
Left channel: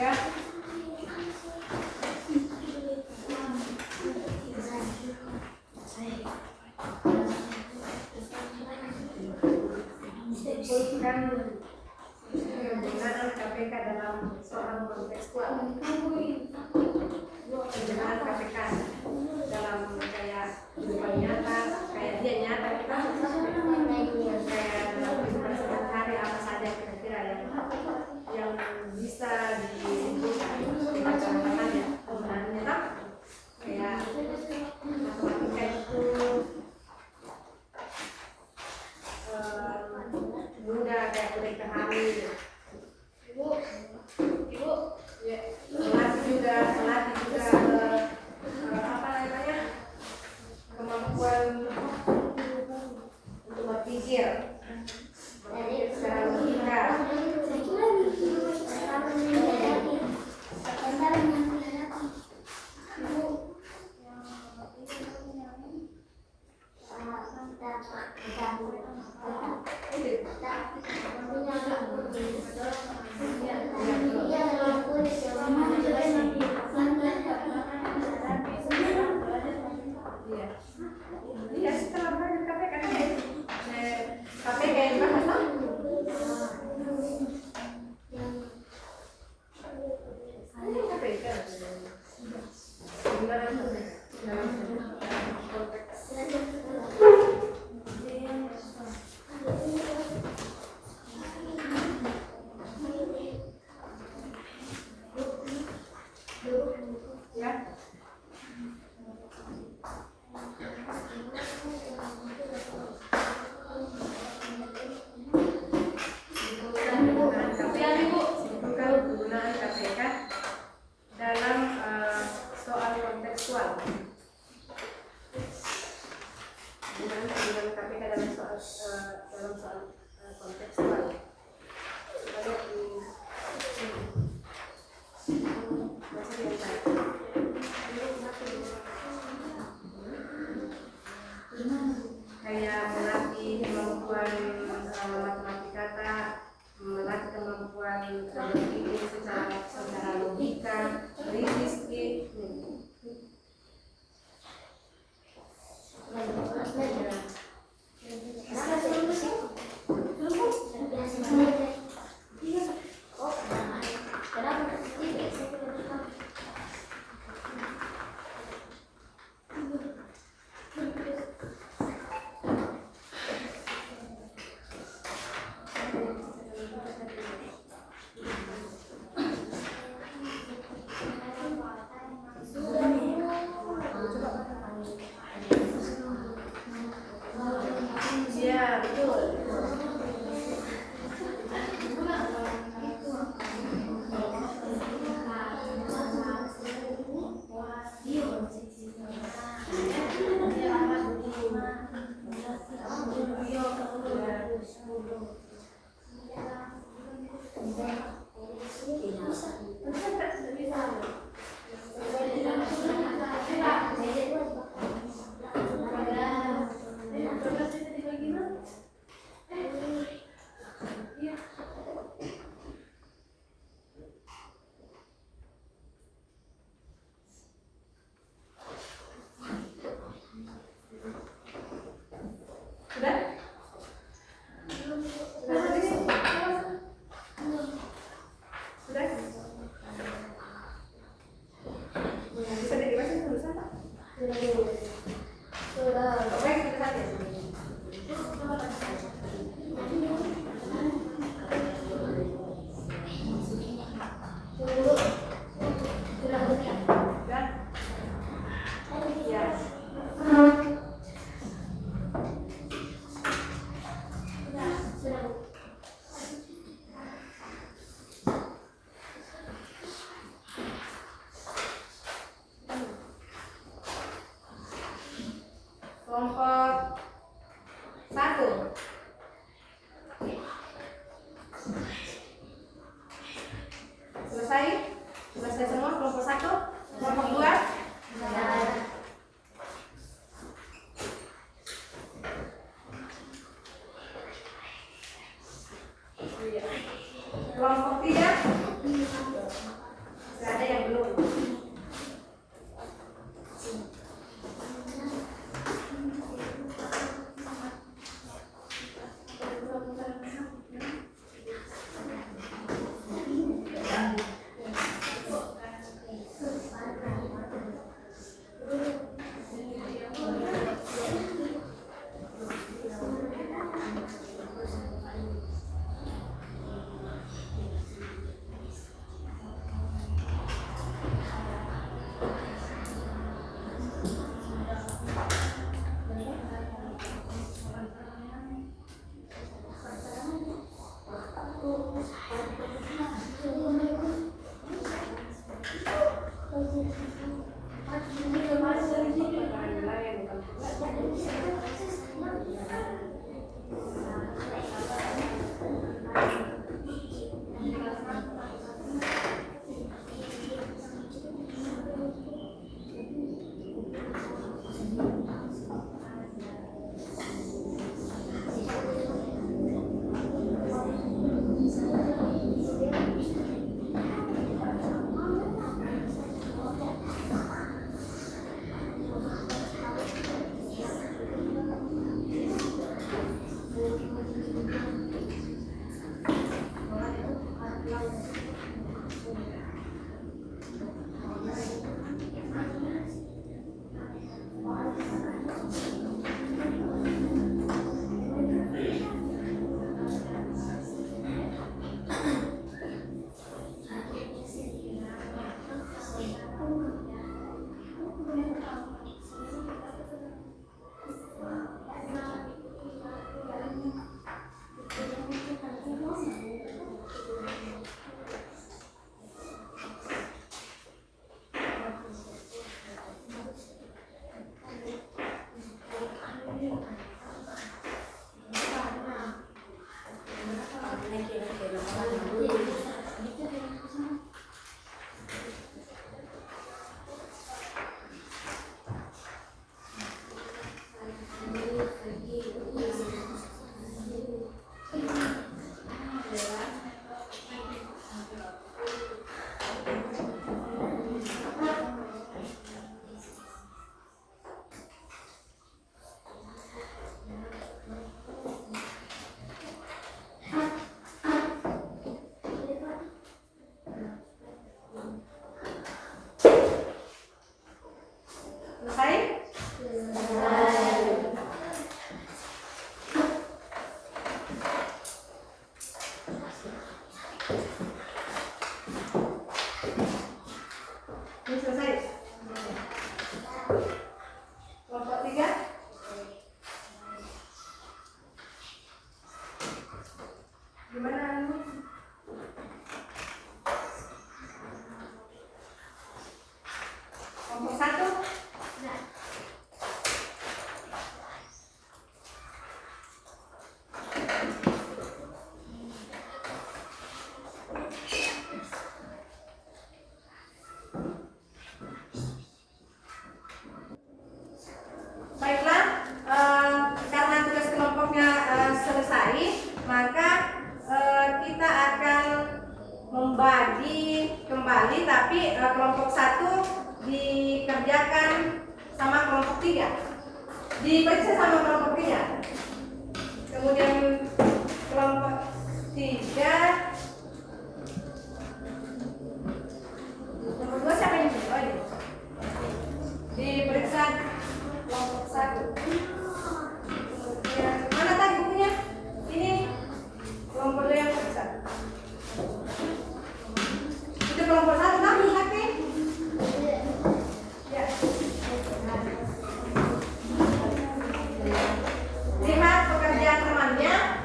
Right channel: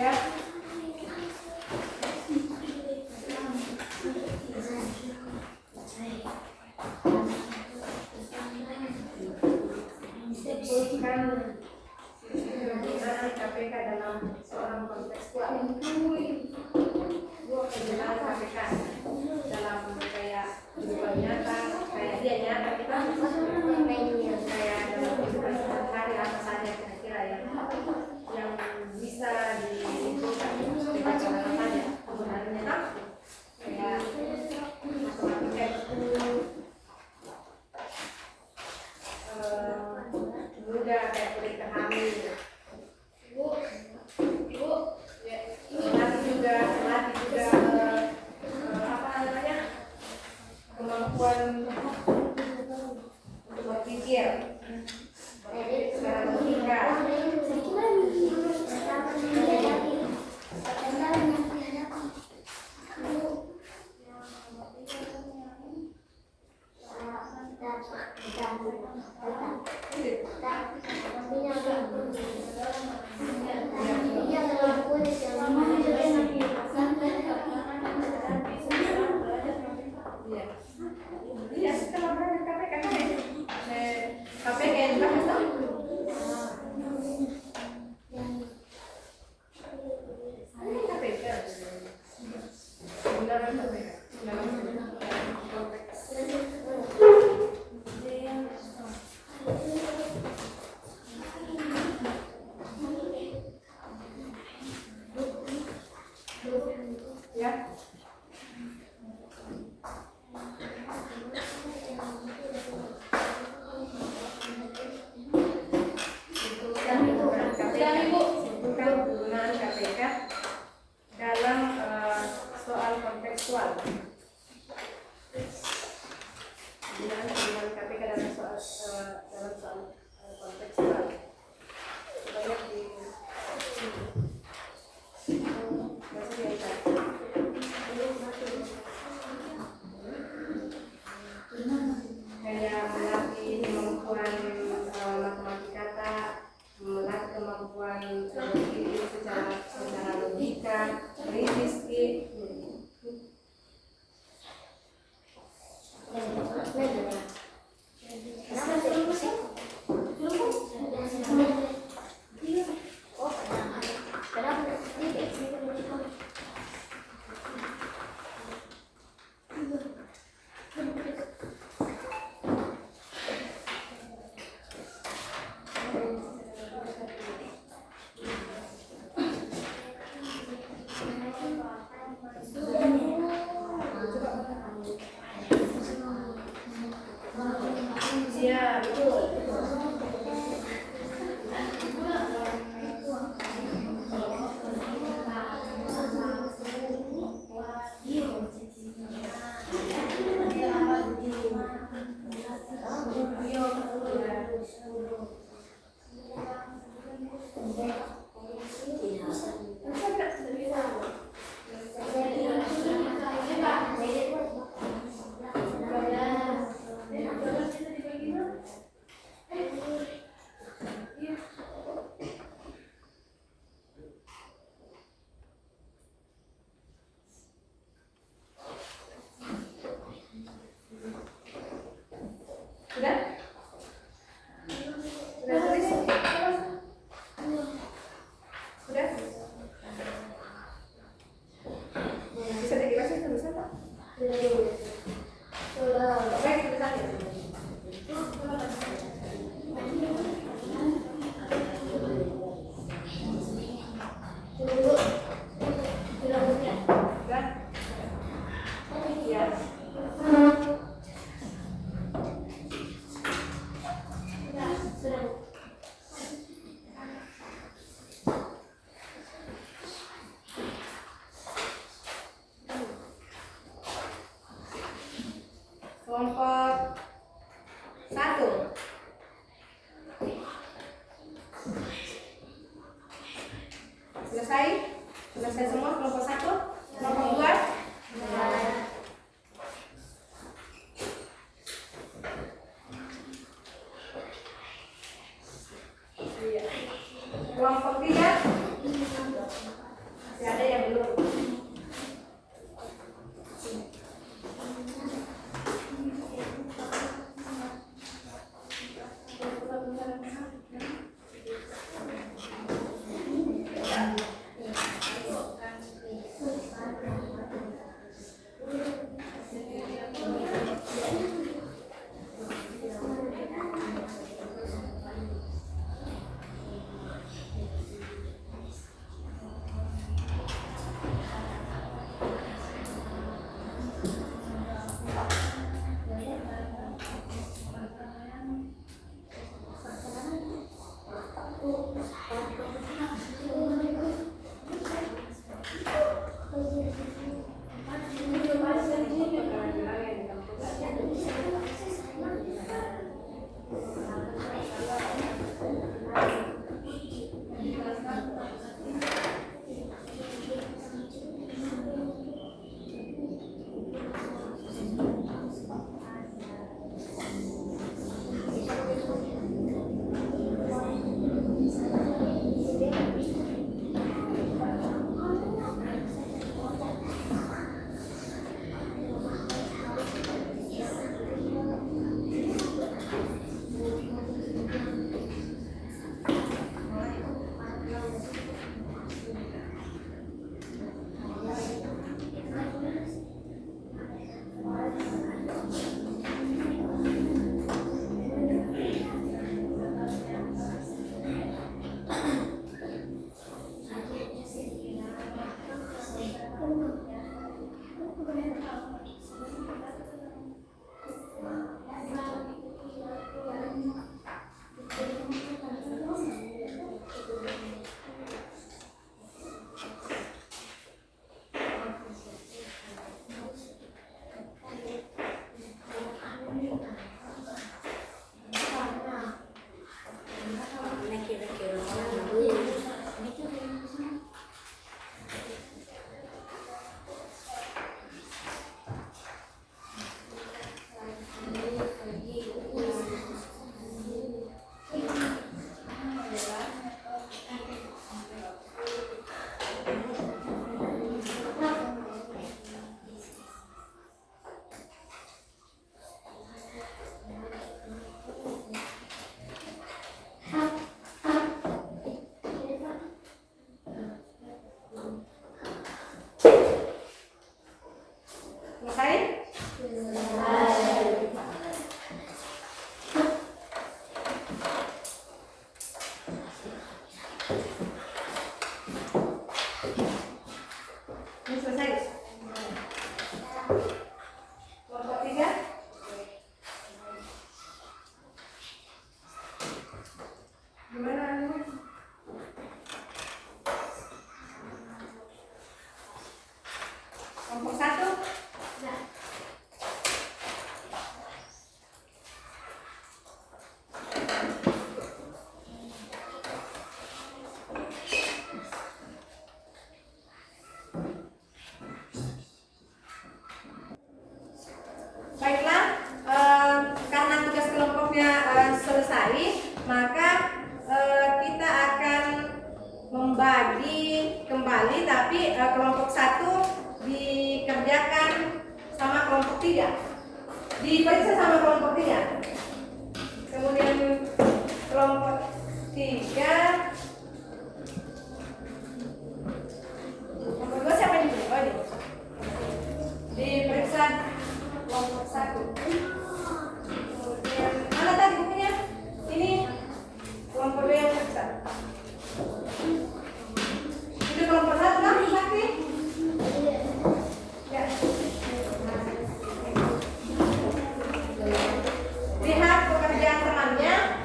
Ya. Sebutkan penggunaan KPK dalam soal kontekstual. Penggunaan KPK dalam kayak kehidupan nyata, kayak dia nyata kita kayak dalam kehidupan sehari-hari apa saja kira-kira yang bisa dibutuhkan dibaca mana saja penggunaannya tak kayak matematika itu mudah kayak berikan hamil ya, melatih juga apa namanya kemampuan untuk berpikir secara logika. Ya setelah belajar KPK KPK yang dibahas lah. KPK penggunaan KPK dalam konteks ya. Bukan penggunaan KPK dalam soal kontekstual. Penggunaan KPK dalam soal kontekstual. Kita lihat di kayak melatih kemampuan matematika, melatih kemampuan berpikir secara logika, kritis. Ya, betul. Sudah? Sudah tulis? Sudah? Bisa semua kelompok 1, kelompok 2? Kelompok 3? Masih ada yang belum? Kelompok 1 dikerjakan sama kelompok 3, diperiksa sama kelompok 3. Kemudian kelompok 3, kelompok 2 siapa yang diperiksa kelompok 1. Kemudian mana tadi bukunya? Ini kelompok 2 yang periksa. Itu kelompok 1 kan sakit? Ya. Lihat pekerjaan temannya.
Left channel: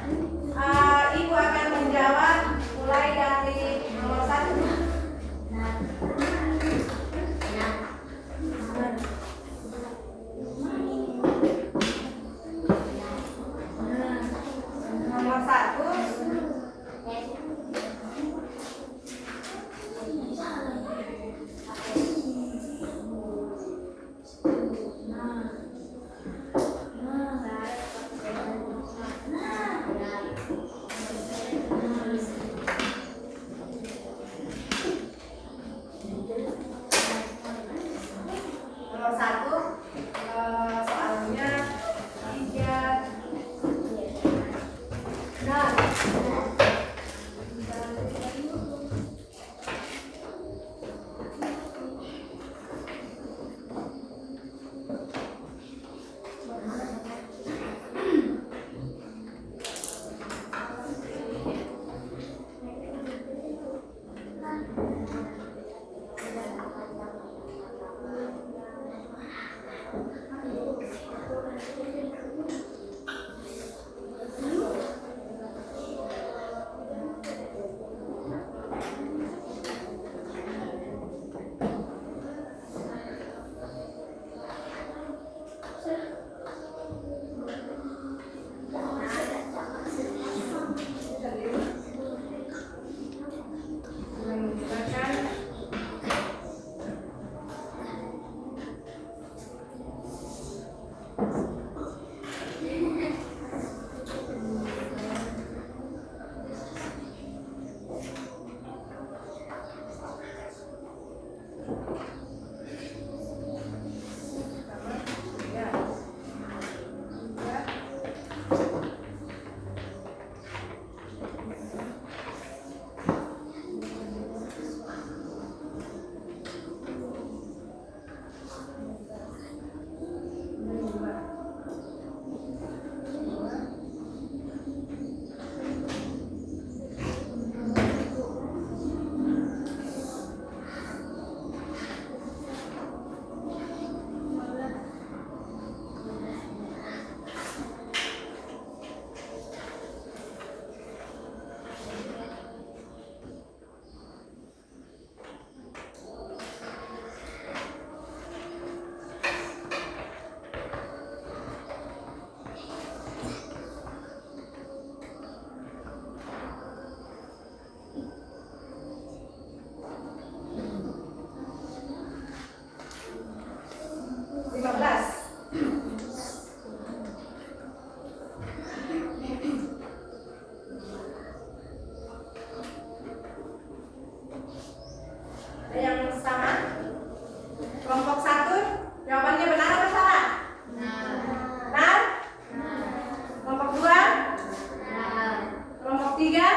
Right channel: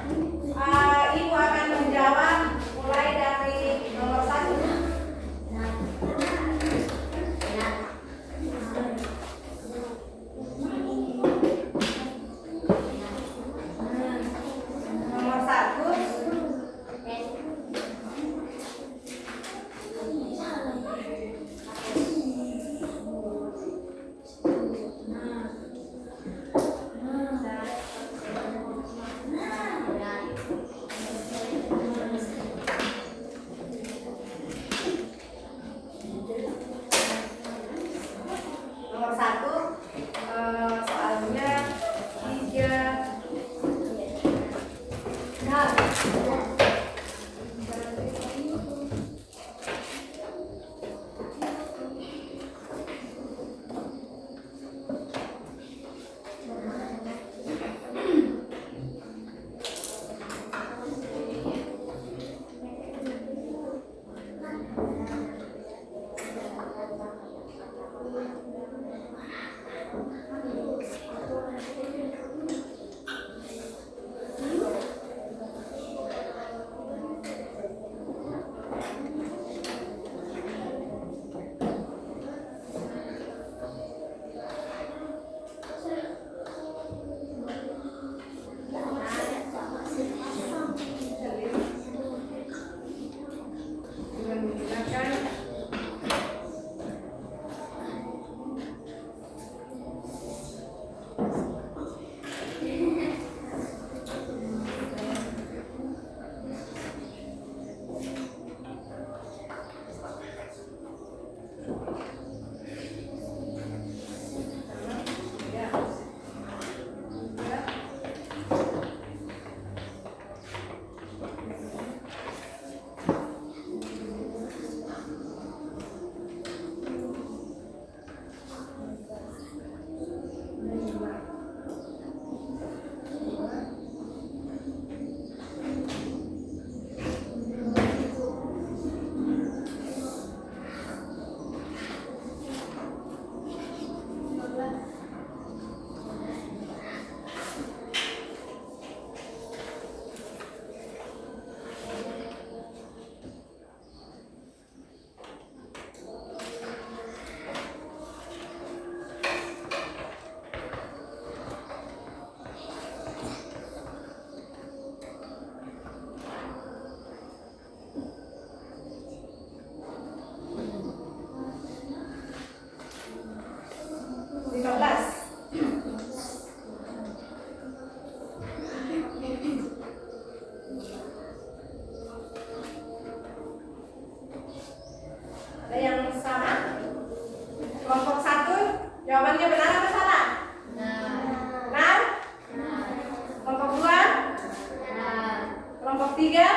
Kelompok 3?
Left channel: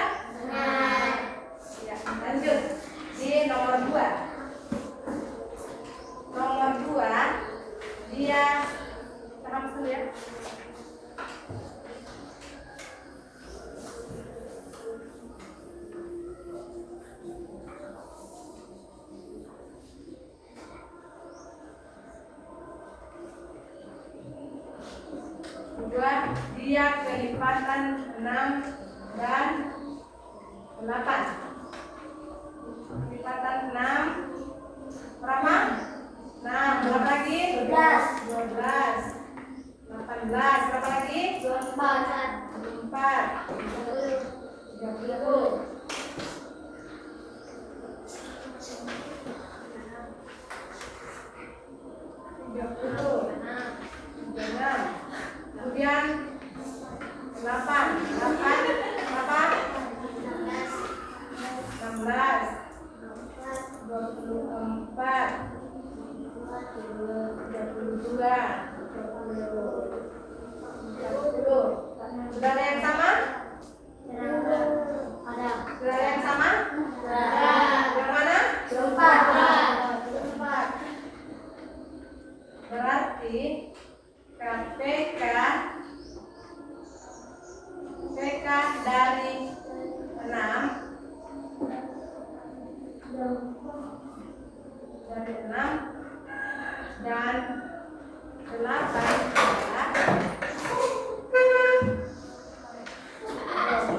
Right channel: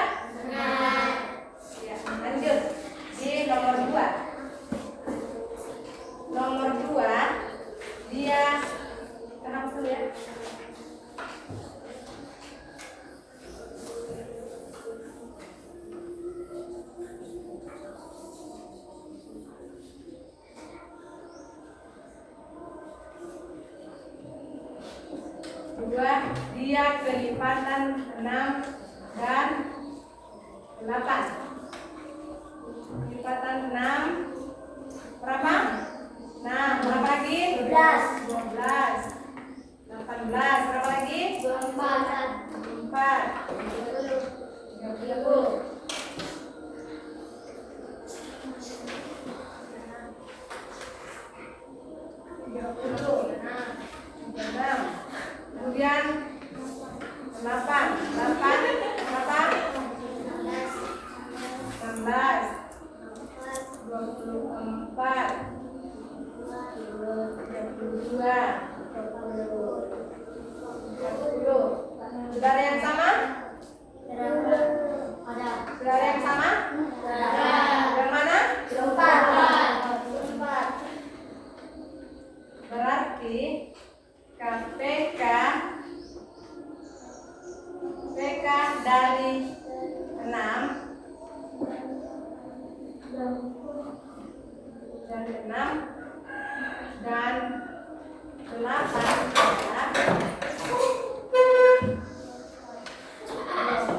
Ya, lanjut. Di nomor 2. Nomor 2 dia paham dulu ya. Dua, dia kelipatan 6 dan 8. Kelipatan 6 berapa? 6 berapa lagi? 12. 18 berapa lagi? 4. 30. 36. Kemudian 8 berapa? 16. 24. 32. 30. Sudah ada yang sama? Sudah ada yang sama? Yang mana? 4. Berarti KPK dari 6 dan 8 adalah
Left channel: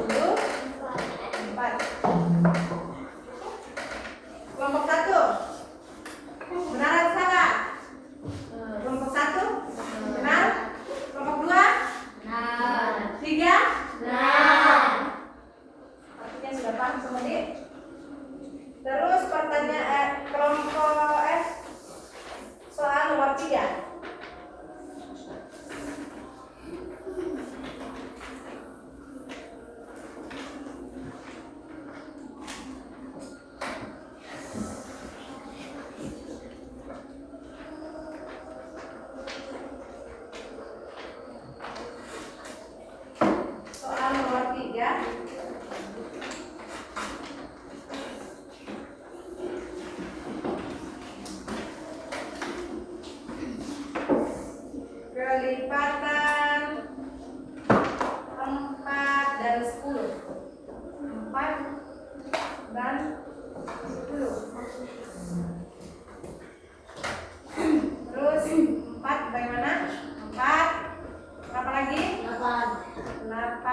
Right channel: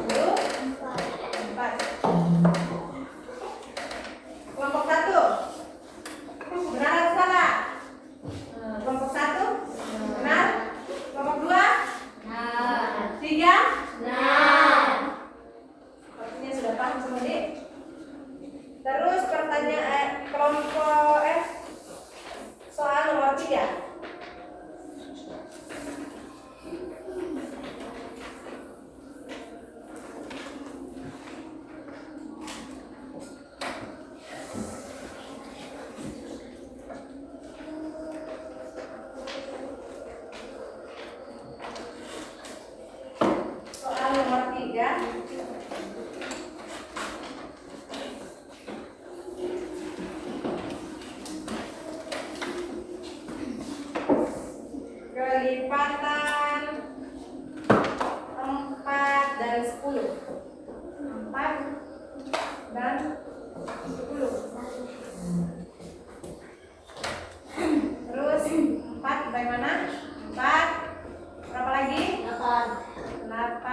24. Kelompok 1 benar atau salah? Kelompok 1 benar. Kelompok 2 3 artinya sudah paham semuanya. Terus pertanyaan kelompok soal nomor 3. Soal nomor 3. Kelipatan 4 dan 10. 4 dan 10. Terus 4 bagaimana? 4 berapa lagi? 8. 12.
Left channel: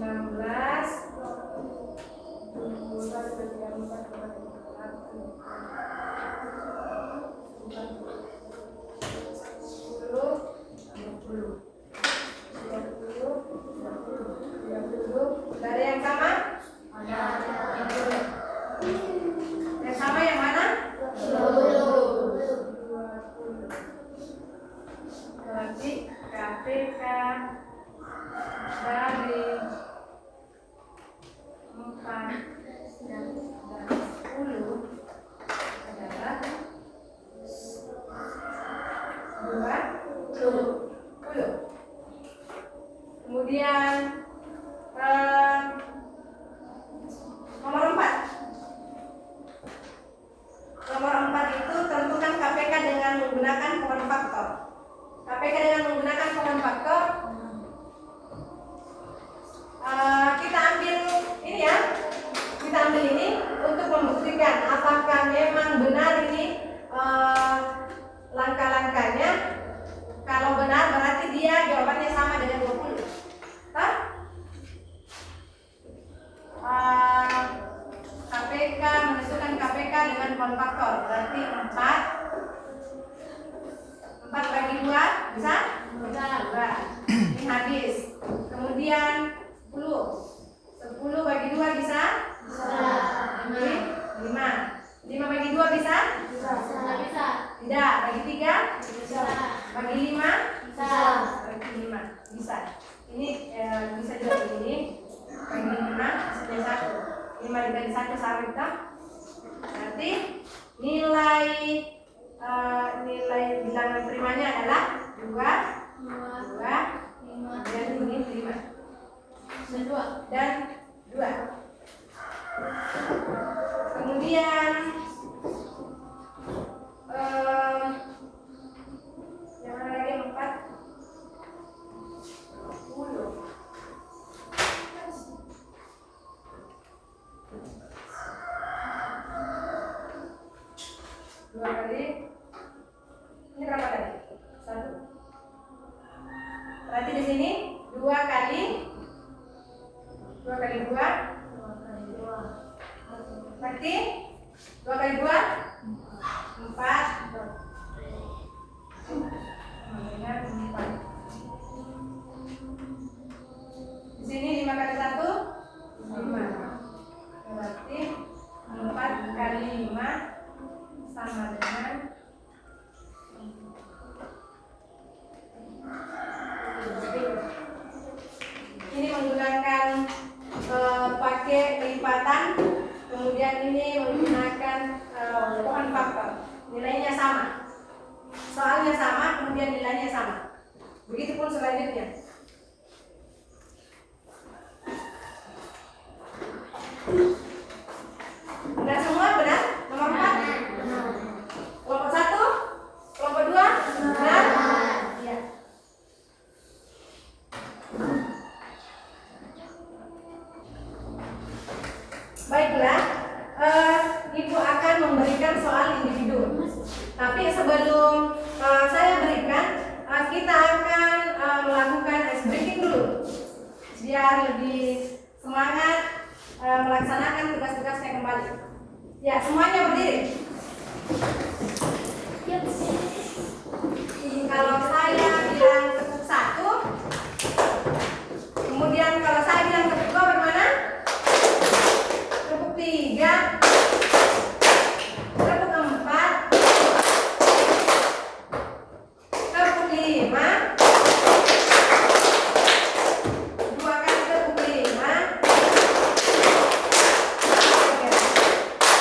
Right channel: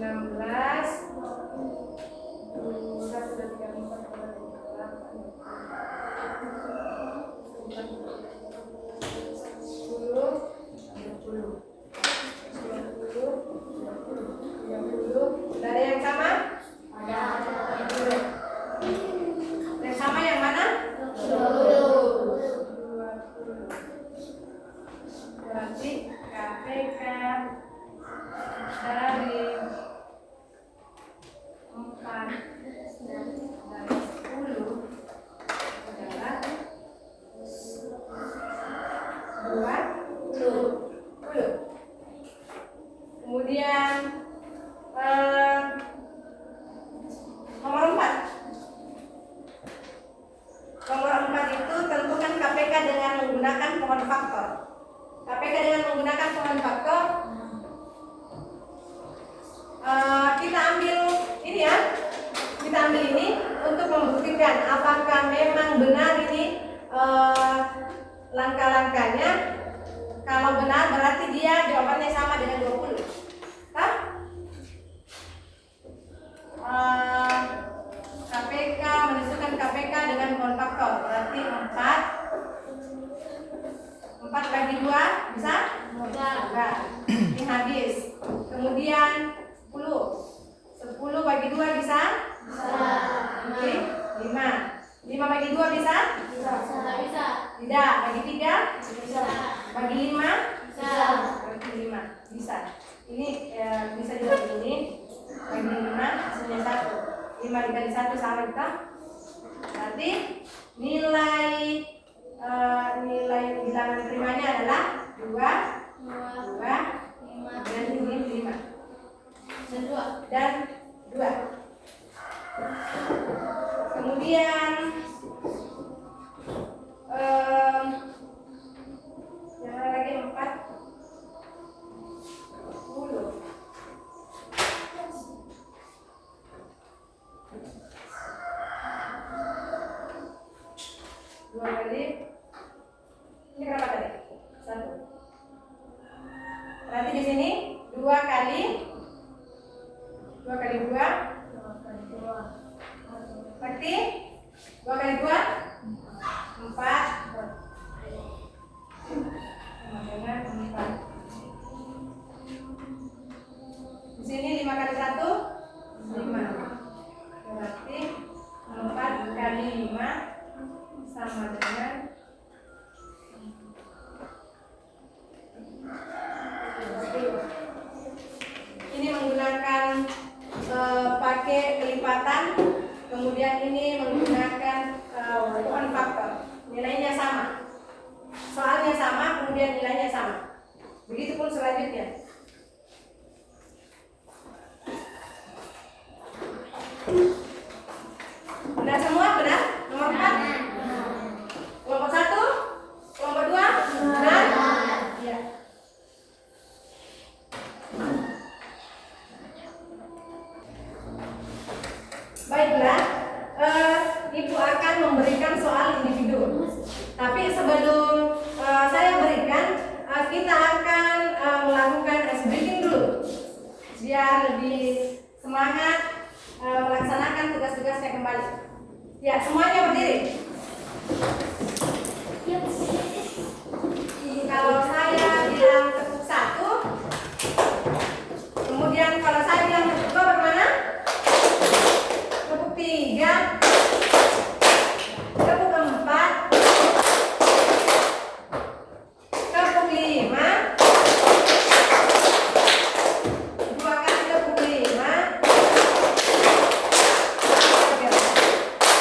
16. 30. Ada yang sama? Yang sama yang mana? 20. Berarti KPK dari 4 dan 10 adalah 20. Kemudian nomor 4. Nomor 4 itu tentukan KPK dengan menggunakan pohon faktor. KPK dengan menggunakan pohon faktor, kita ambil ini ya. Kita ambil ini untuk membuktikan apakah memang benar ini langkah-langkahnya. Kalau benar berarti dia jawabannya sama dengan 20. Hah? KPK menentukan KPK dengan pohon faktor berarti 4 bagi 2 bisa? Enggak. Ini habis. Kemudian 10 bagi 2 bisa? Jadi 5 bagi 2 bisa? Tidak. Bagi 3? Bagi 5? Bagi 5 bisa. Ini bisa juga begini. Bagi 5 hasilnya 1. 5 dikali 1 sama kita. Berarti nilai nilai bilangan primanya adalah 2, 2, 5, dan ini 5 dan 2. dan 2. Kemudian yang mana lagi 4 10. 2 kali ini berapa tadi? 1. Berarti di sini 2 kali 2 kali 2 berarti 2 kali 2 4 sama dengan 4. Di sini 5 kali 1 5. Berarti 4 kali 5 sama dengan 10. Ini menggunakan pakai kelipatan, kemudian ini menggunakan pohon faktor. Nilainya sama, soalnya sama, kemudian nilainya sama. Begitupun selanjutnya. Benar semua, benar? Nomor 4. Kelompok 1, kelompok 2, benar? Iya. Baiklah, Ibu akan memberikan soal individu. Tapi sebelum saya berikan, kita akan melakukan ice breaking dulu, biar lebih semangat melaksanakan tugas-tugasnya kembali. Ya, semuanya berdiri. Kalau saya bilang tepuk 1, kemudian kalau saya bilang tepuk 2 bagaimana? Tepuk 3, tepuk 4, tepuk 5, 2 kali tepuk 5.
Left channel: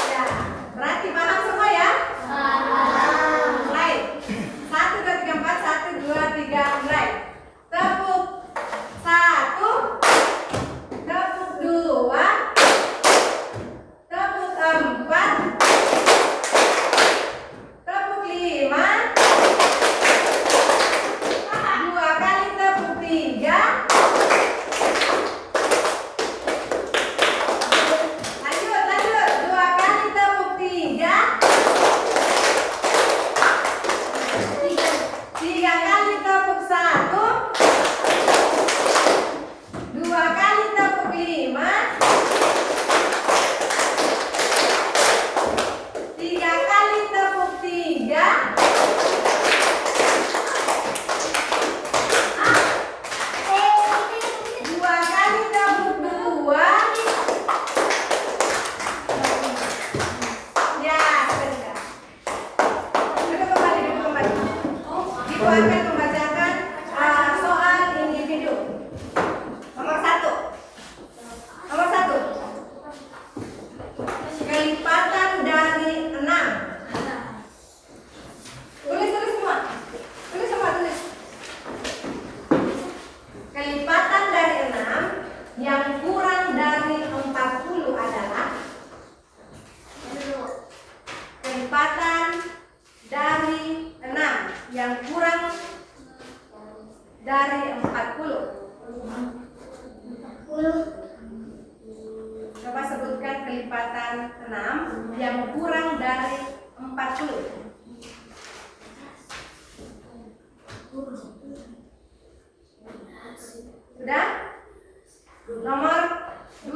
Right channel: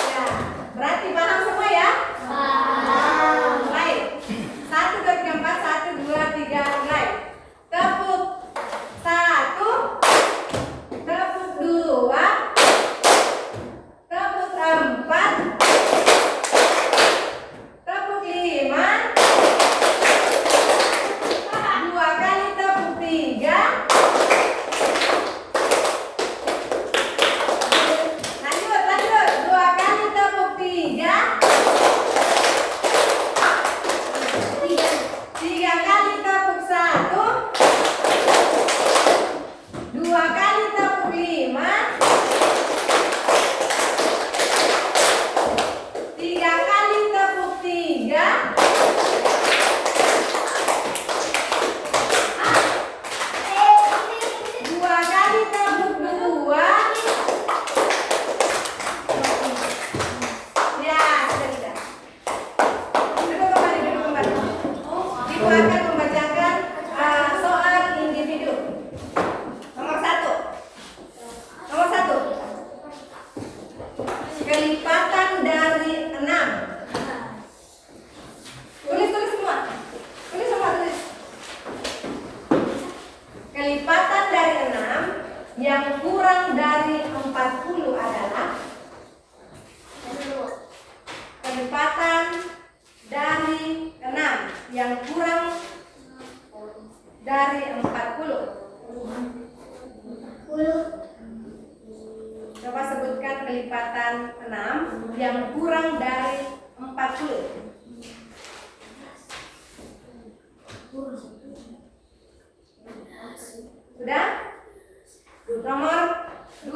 Ya, berarti paham semua ya? Mulai. 1, 2, 3, 4, 1, 2, 3, mulai. Tepuk 1, tepuk 2, tepuk 4, tepuk 5, 2 kali tepuk 3. Lanjut, 2 kali tepuk 3, 3 kali tepuk 1, 2 kali tepuk 5, 3 kali tepuk 3, 2 kali tepuk 2. Ya, sudah. Duduk kembali. Ibu akan membacakan soal individu. Nomor 1. Kelipatan dari 6. Tulis semua. Tulis. Kelipatan dari 6 yang kurang dari 40 adalah kelipatan dari 6 yang kurang dari 40. Coba sebutkan kelipatan 6 yang kurang dari 40. Sudah? Nomor 2.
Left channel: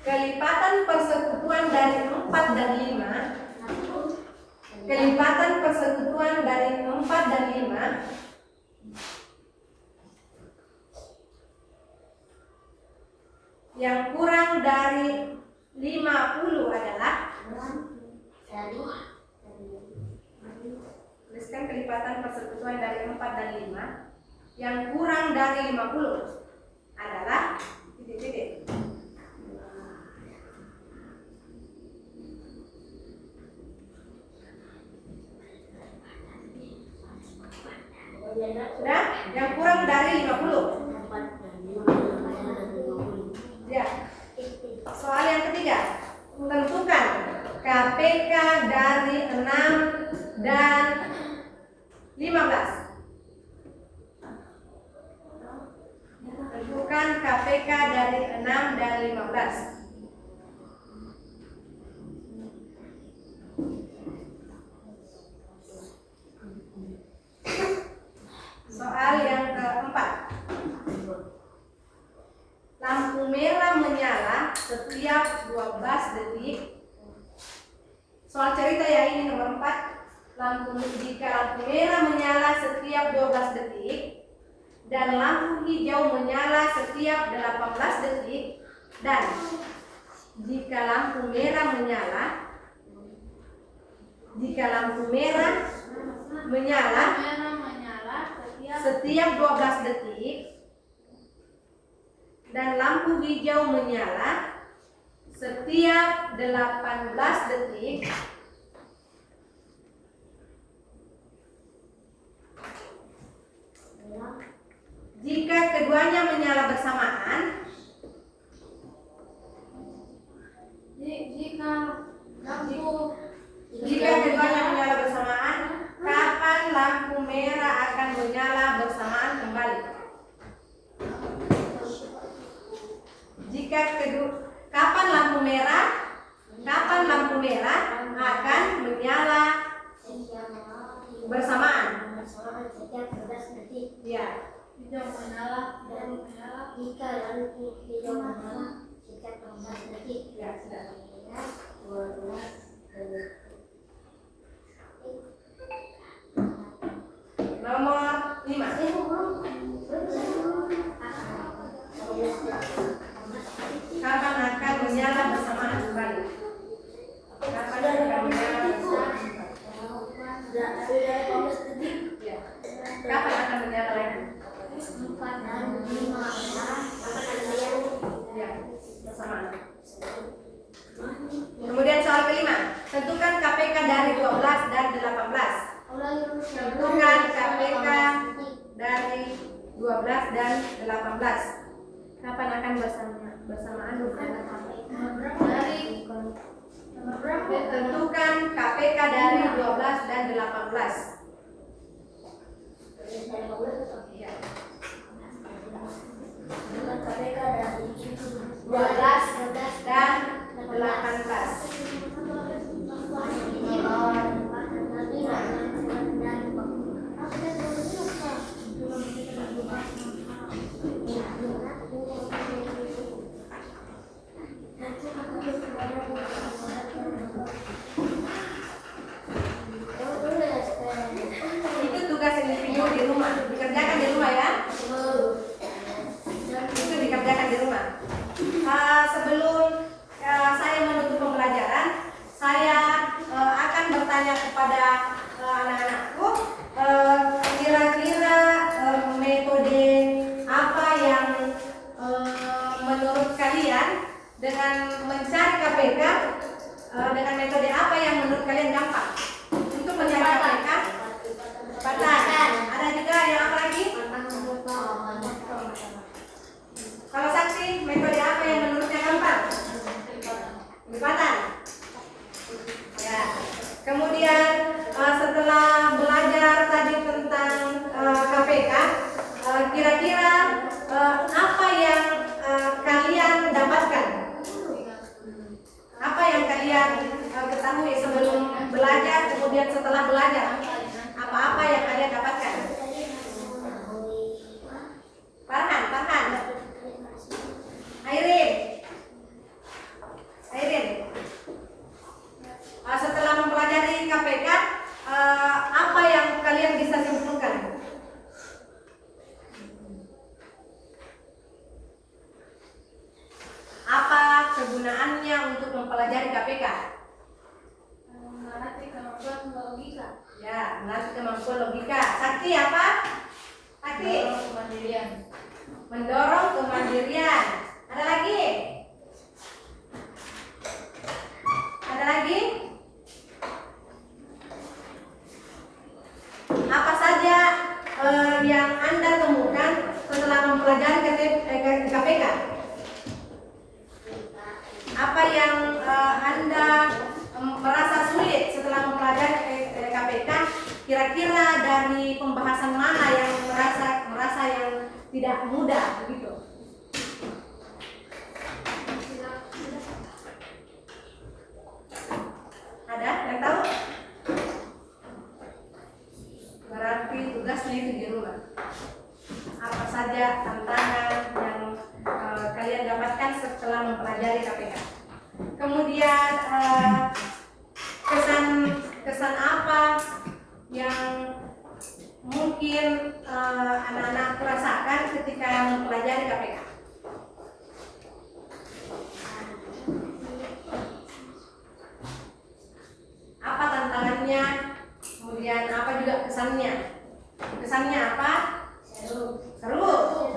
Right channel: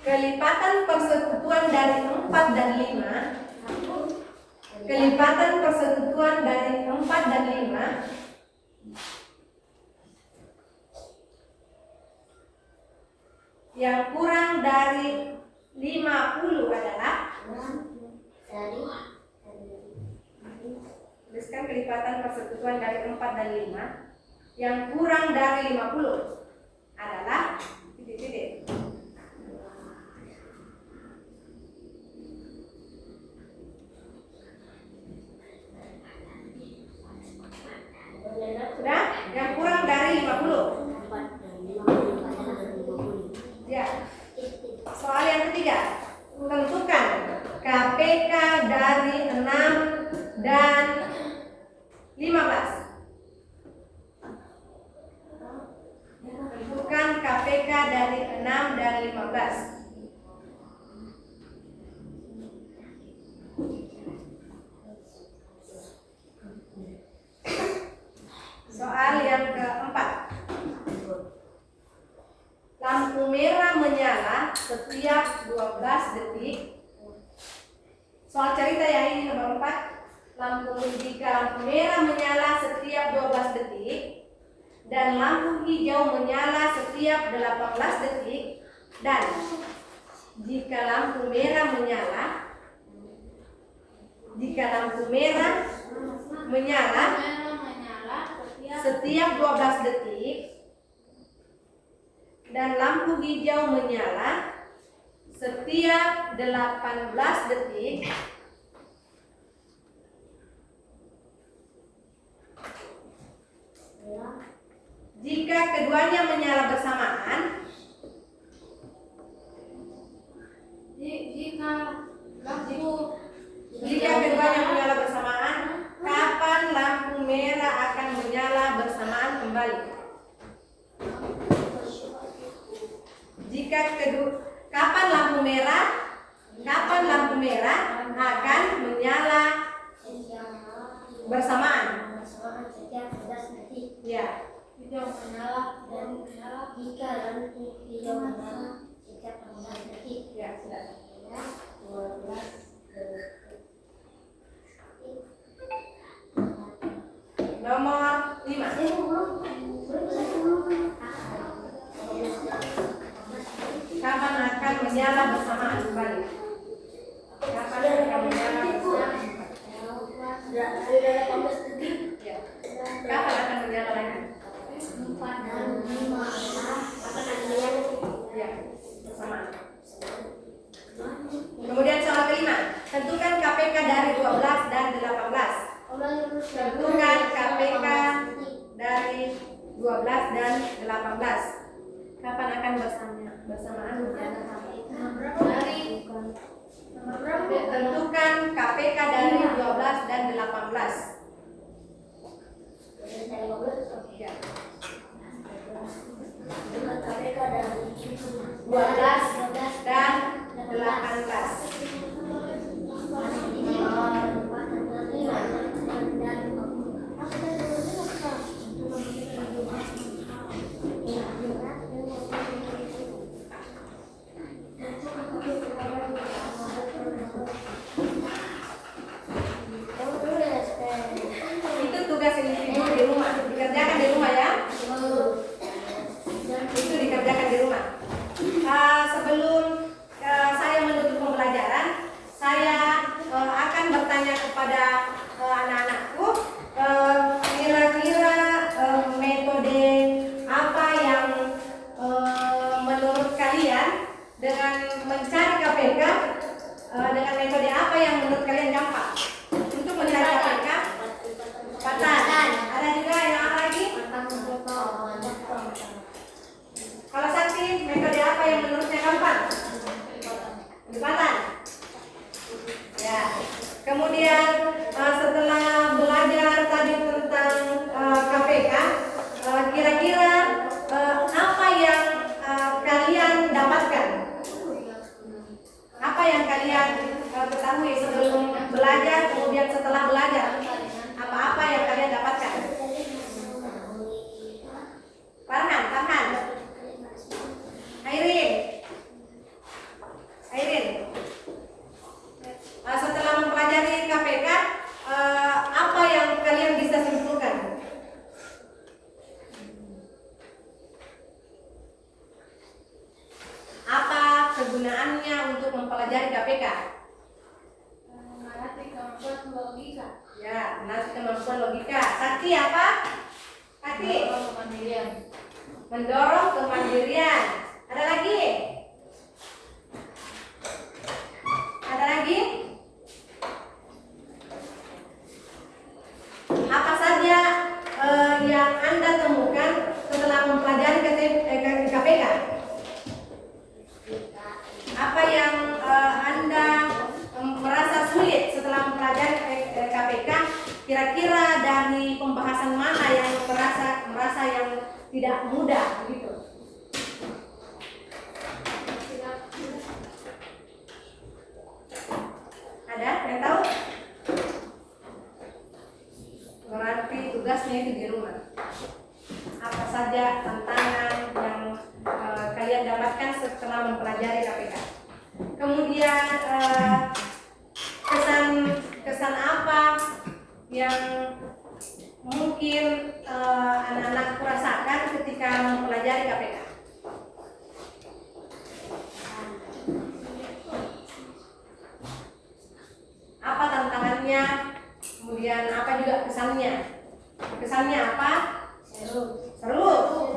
Kelipatan persekutuan dari 4 dan 5. Kelipatan persekutuan dari 4 dan 5 yang kurang dari 50 adalah, tuliskan kelipatan persekutuan dari 4 dan 5 yang kurang dari 50 adalah titik-titik. Yang kurang dari 50. Ya. Soal yang ketiga. Tentukan KPK dari 6 dan 15. Tentukan KPK dari 6 dan 15. Soal yang keempat. Lampu merah menyala setiap 12 detik. Soal cerita ya, ini nomor 4. Jika lampu merah menyala setiap 12 detik dan lampu hijau menyala setiap 18 detik, dan jika lampu merah menyala setiap 12 detik dan lampu hijau menyala setiap 18 detik, jika keduanya menyala bersamaan, kapan lampu merah akan menyala bersamaan kembali? Kapan lampu merah akan menyala bersamaan? Setiap 12 detik. Ya. Hijau menyala dan menyala jika lampu hijau menyala setiap 12 detik. Ya, sudah. 12 detik. Nomor 5. Kapan akan menyala bersamaan kembali? Kapan akan menyala bersamaan? Ya. Kapan akan menyala lagi? 4 dan 5 akan menyala. Ya, bersamaan. Kemudian soal kelima. Tentukan KPK dari 12 dan 18. Tentukan KPK dari 12 dan 18. Kapan akan bersamaan? Tentukan KPK dari 12 dan 18. Ya. 12 dan 18. Itu tugas individu di rumah, dikerjakan di rumah ya. Itu dikerjakan di rumah. Sebelum saya menutup pembelajaran, saya akan bertanya kepada anak-anakku, kira-kira metode apa yang menurut kalian dengan mencari KPK, dengan metode apa yang menurut kalian gampang untuk mencari KPK? Lipatan. Ada juga yang apa lagi? Kalau Sakti, metode apa yang menurutnya gampang? Lipatan. Ya. Kemudian setelah belajar tadi tentang KPK, kira-kira apa yang kalian dapatkan? Apa yang kalian ketahui sebelum belajar, kemudian setelah belajar? Apa-apa yang kalian dapatkan? Farhan. Airin. Setelah mempelajari KPK, apa yang kalian bisa simpulkan? Apa kegunaannya untuk mempelajari KPK? Melatih kemampuan logika. Ya, melatih kemampuan logika. Sakti apa? Sakti? Mendorong kemandirian. Ada lagi? Apa saja yang Anda KPK? Apa yang Anda merasa sulit setelah mempelajari KPK? Kira-kira dari pembahasan mana yang merasa yang tidak mudah begitu? Ada yang tahu? Berarti tugasnya itu di rumah. Apa saja tantangan yang kalian dapatkan setelah mempelajari KPK? Kemudian kesan apa yang mungkin anak-anak rasakan ketika mempelajari KPK? Apa tantangannya? Kemudian apa juga kesannya? Kesannya apa? Seru.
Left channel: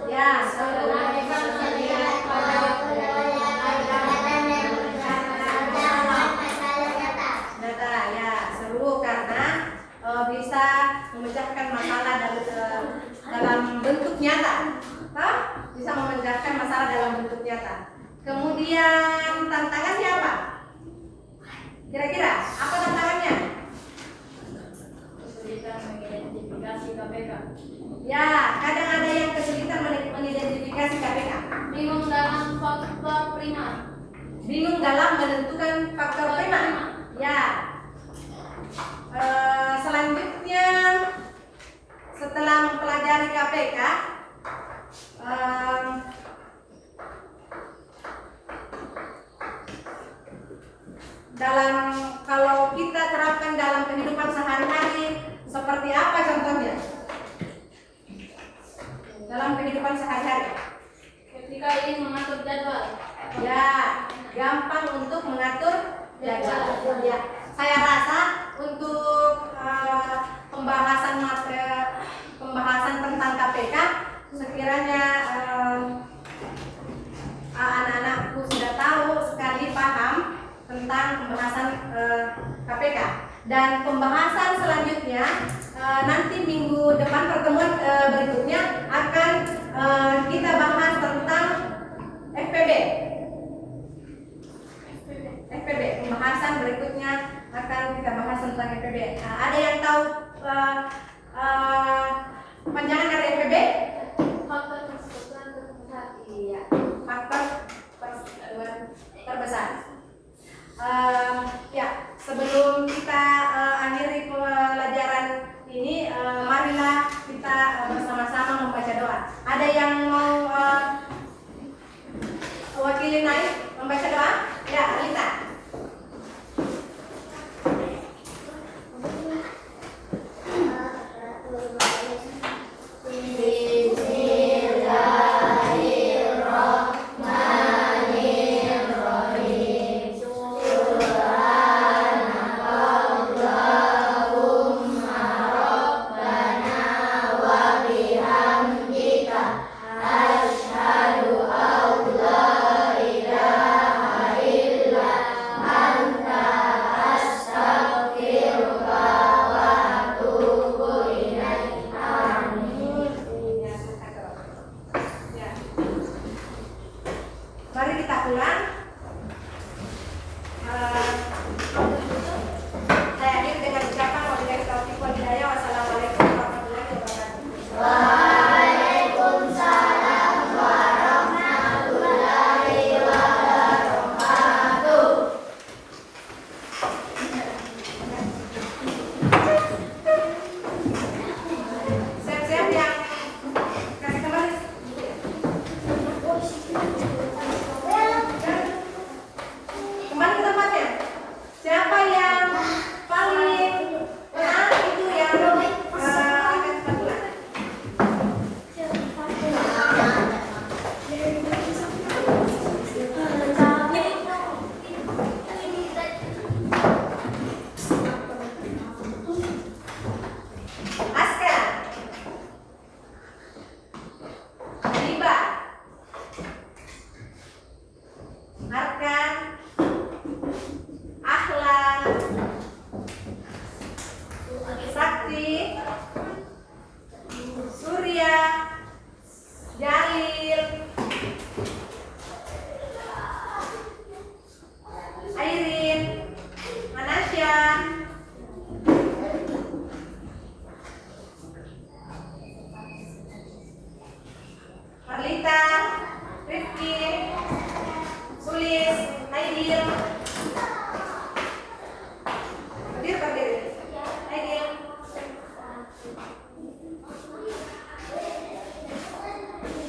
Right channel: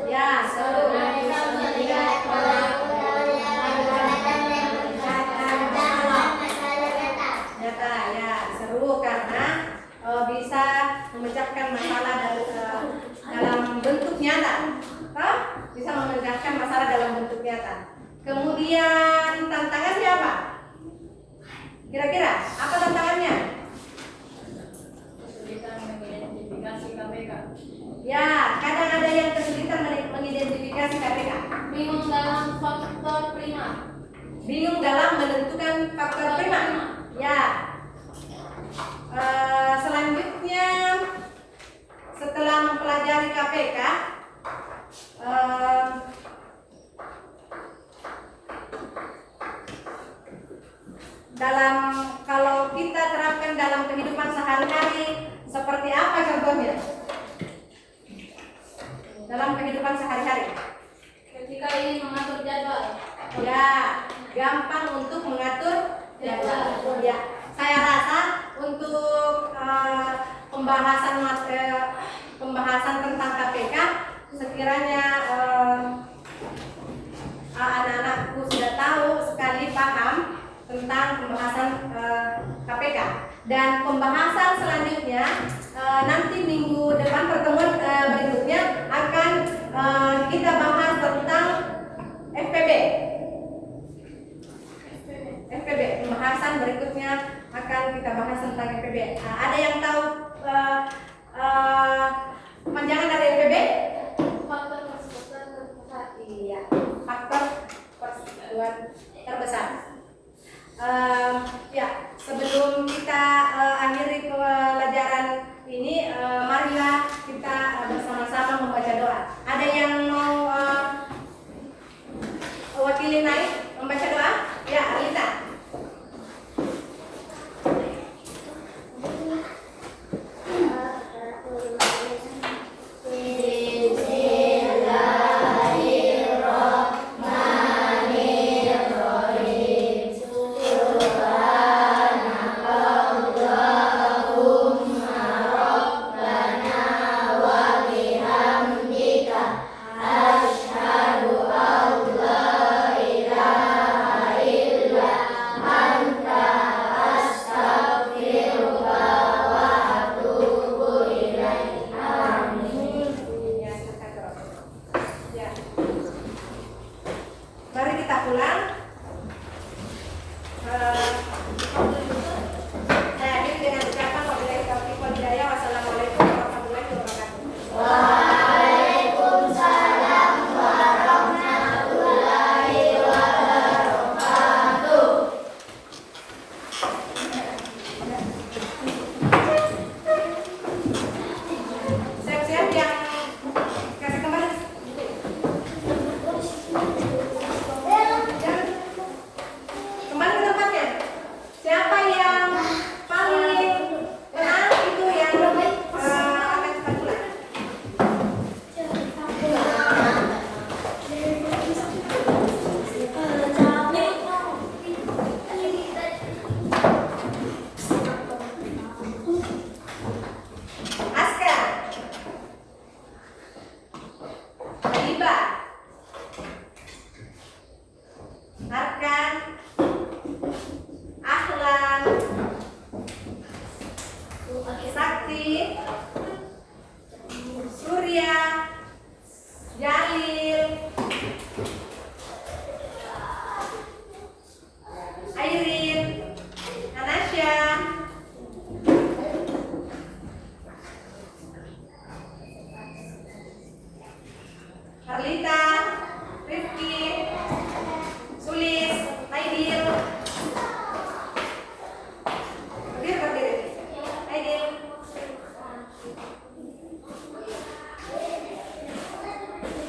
Ya, seru. Nyata ya, seru karena bisa memecahkan masalah dalam bentuk nyata. Bisa memecahkan masalah dalam bentuk nyata. Kemudian tantangannya apa? Kira-kira apa tantangannya? Kesulitan mengidentifikasi KPK. Ya, kadang ada yang kesulitan mengidentifikasi KPK. Bingung dalam faktor prima. Bingung dalam menentukan faktor prima. Ya. Selanjutnya, setelah mempelajari KPK, kalau kita terapkan dalam kehidupan sehari-hari, seperti apa contohnya? Dalam kehidupan sehari-hari, Ketika ingin mengatur jadwal. ya gampang untuk mengatur jadwal. Ya, saya rasa untuk pembahasan tentang KPK, sekiranya anak-anakku sudah tahu sekali paham tentang pembahasan KPK. Dan pembahasan selanjutnya nanti minggu depan, pertemuan berikutnya akan kita bahas tentang FPB. Pembahasan berikutnya akan kita bahas tentang FPB. Ada yang tahu panjangan dari FPB? Faktor persatuan terbesar. Iya, faktor persatuan terbesar. Ya, sebelum kita akhiri pelajaran ini, marilah kita bersama-sama membaca doa. Ada yang mau wakili naik membaca doa? Ya, Alita. pelita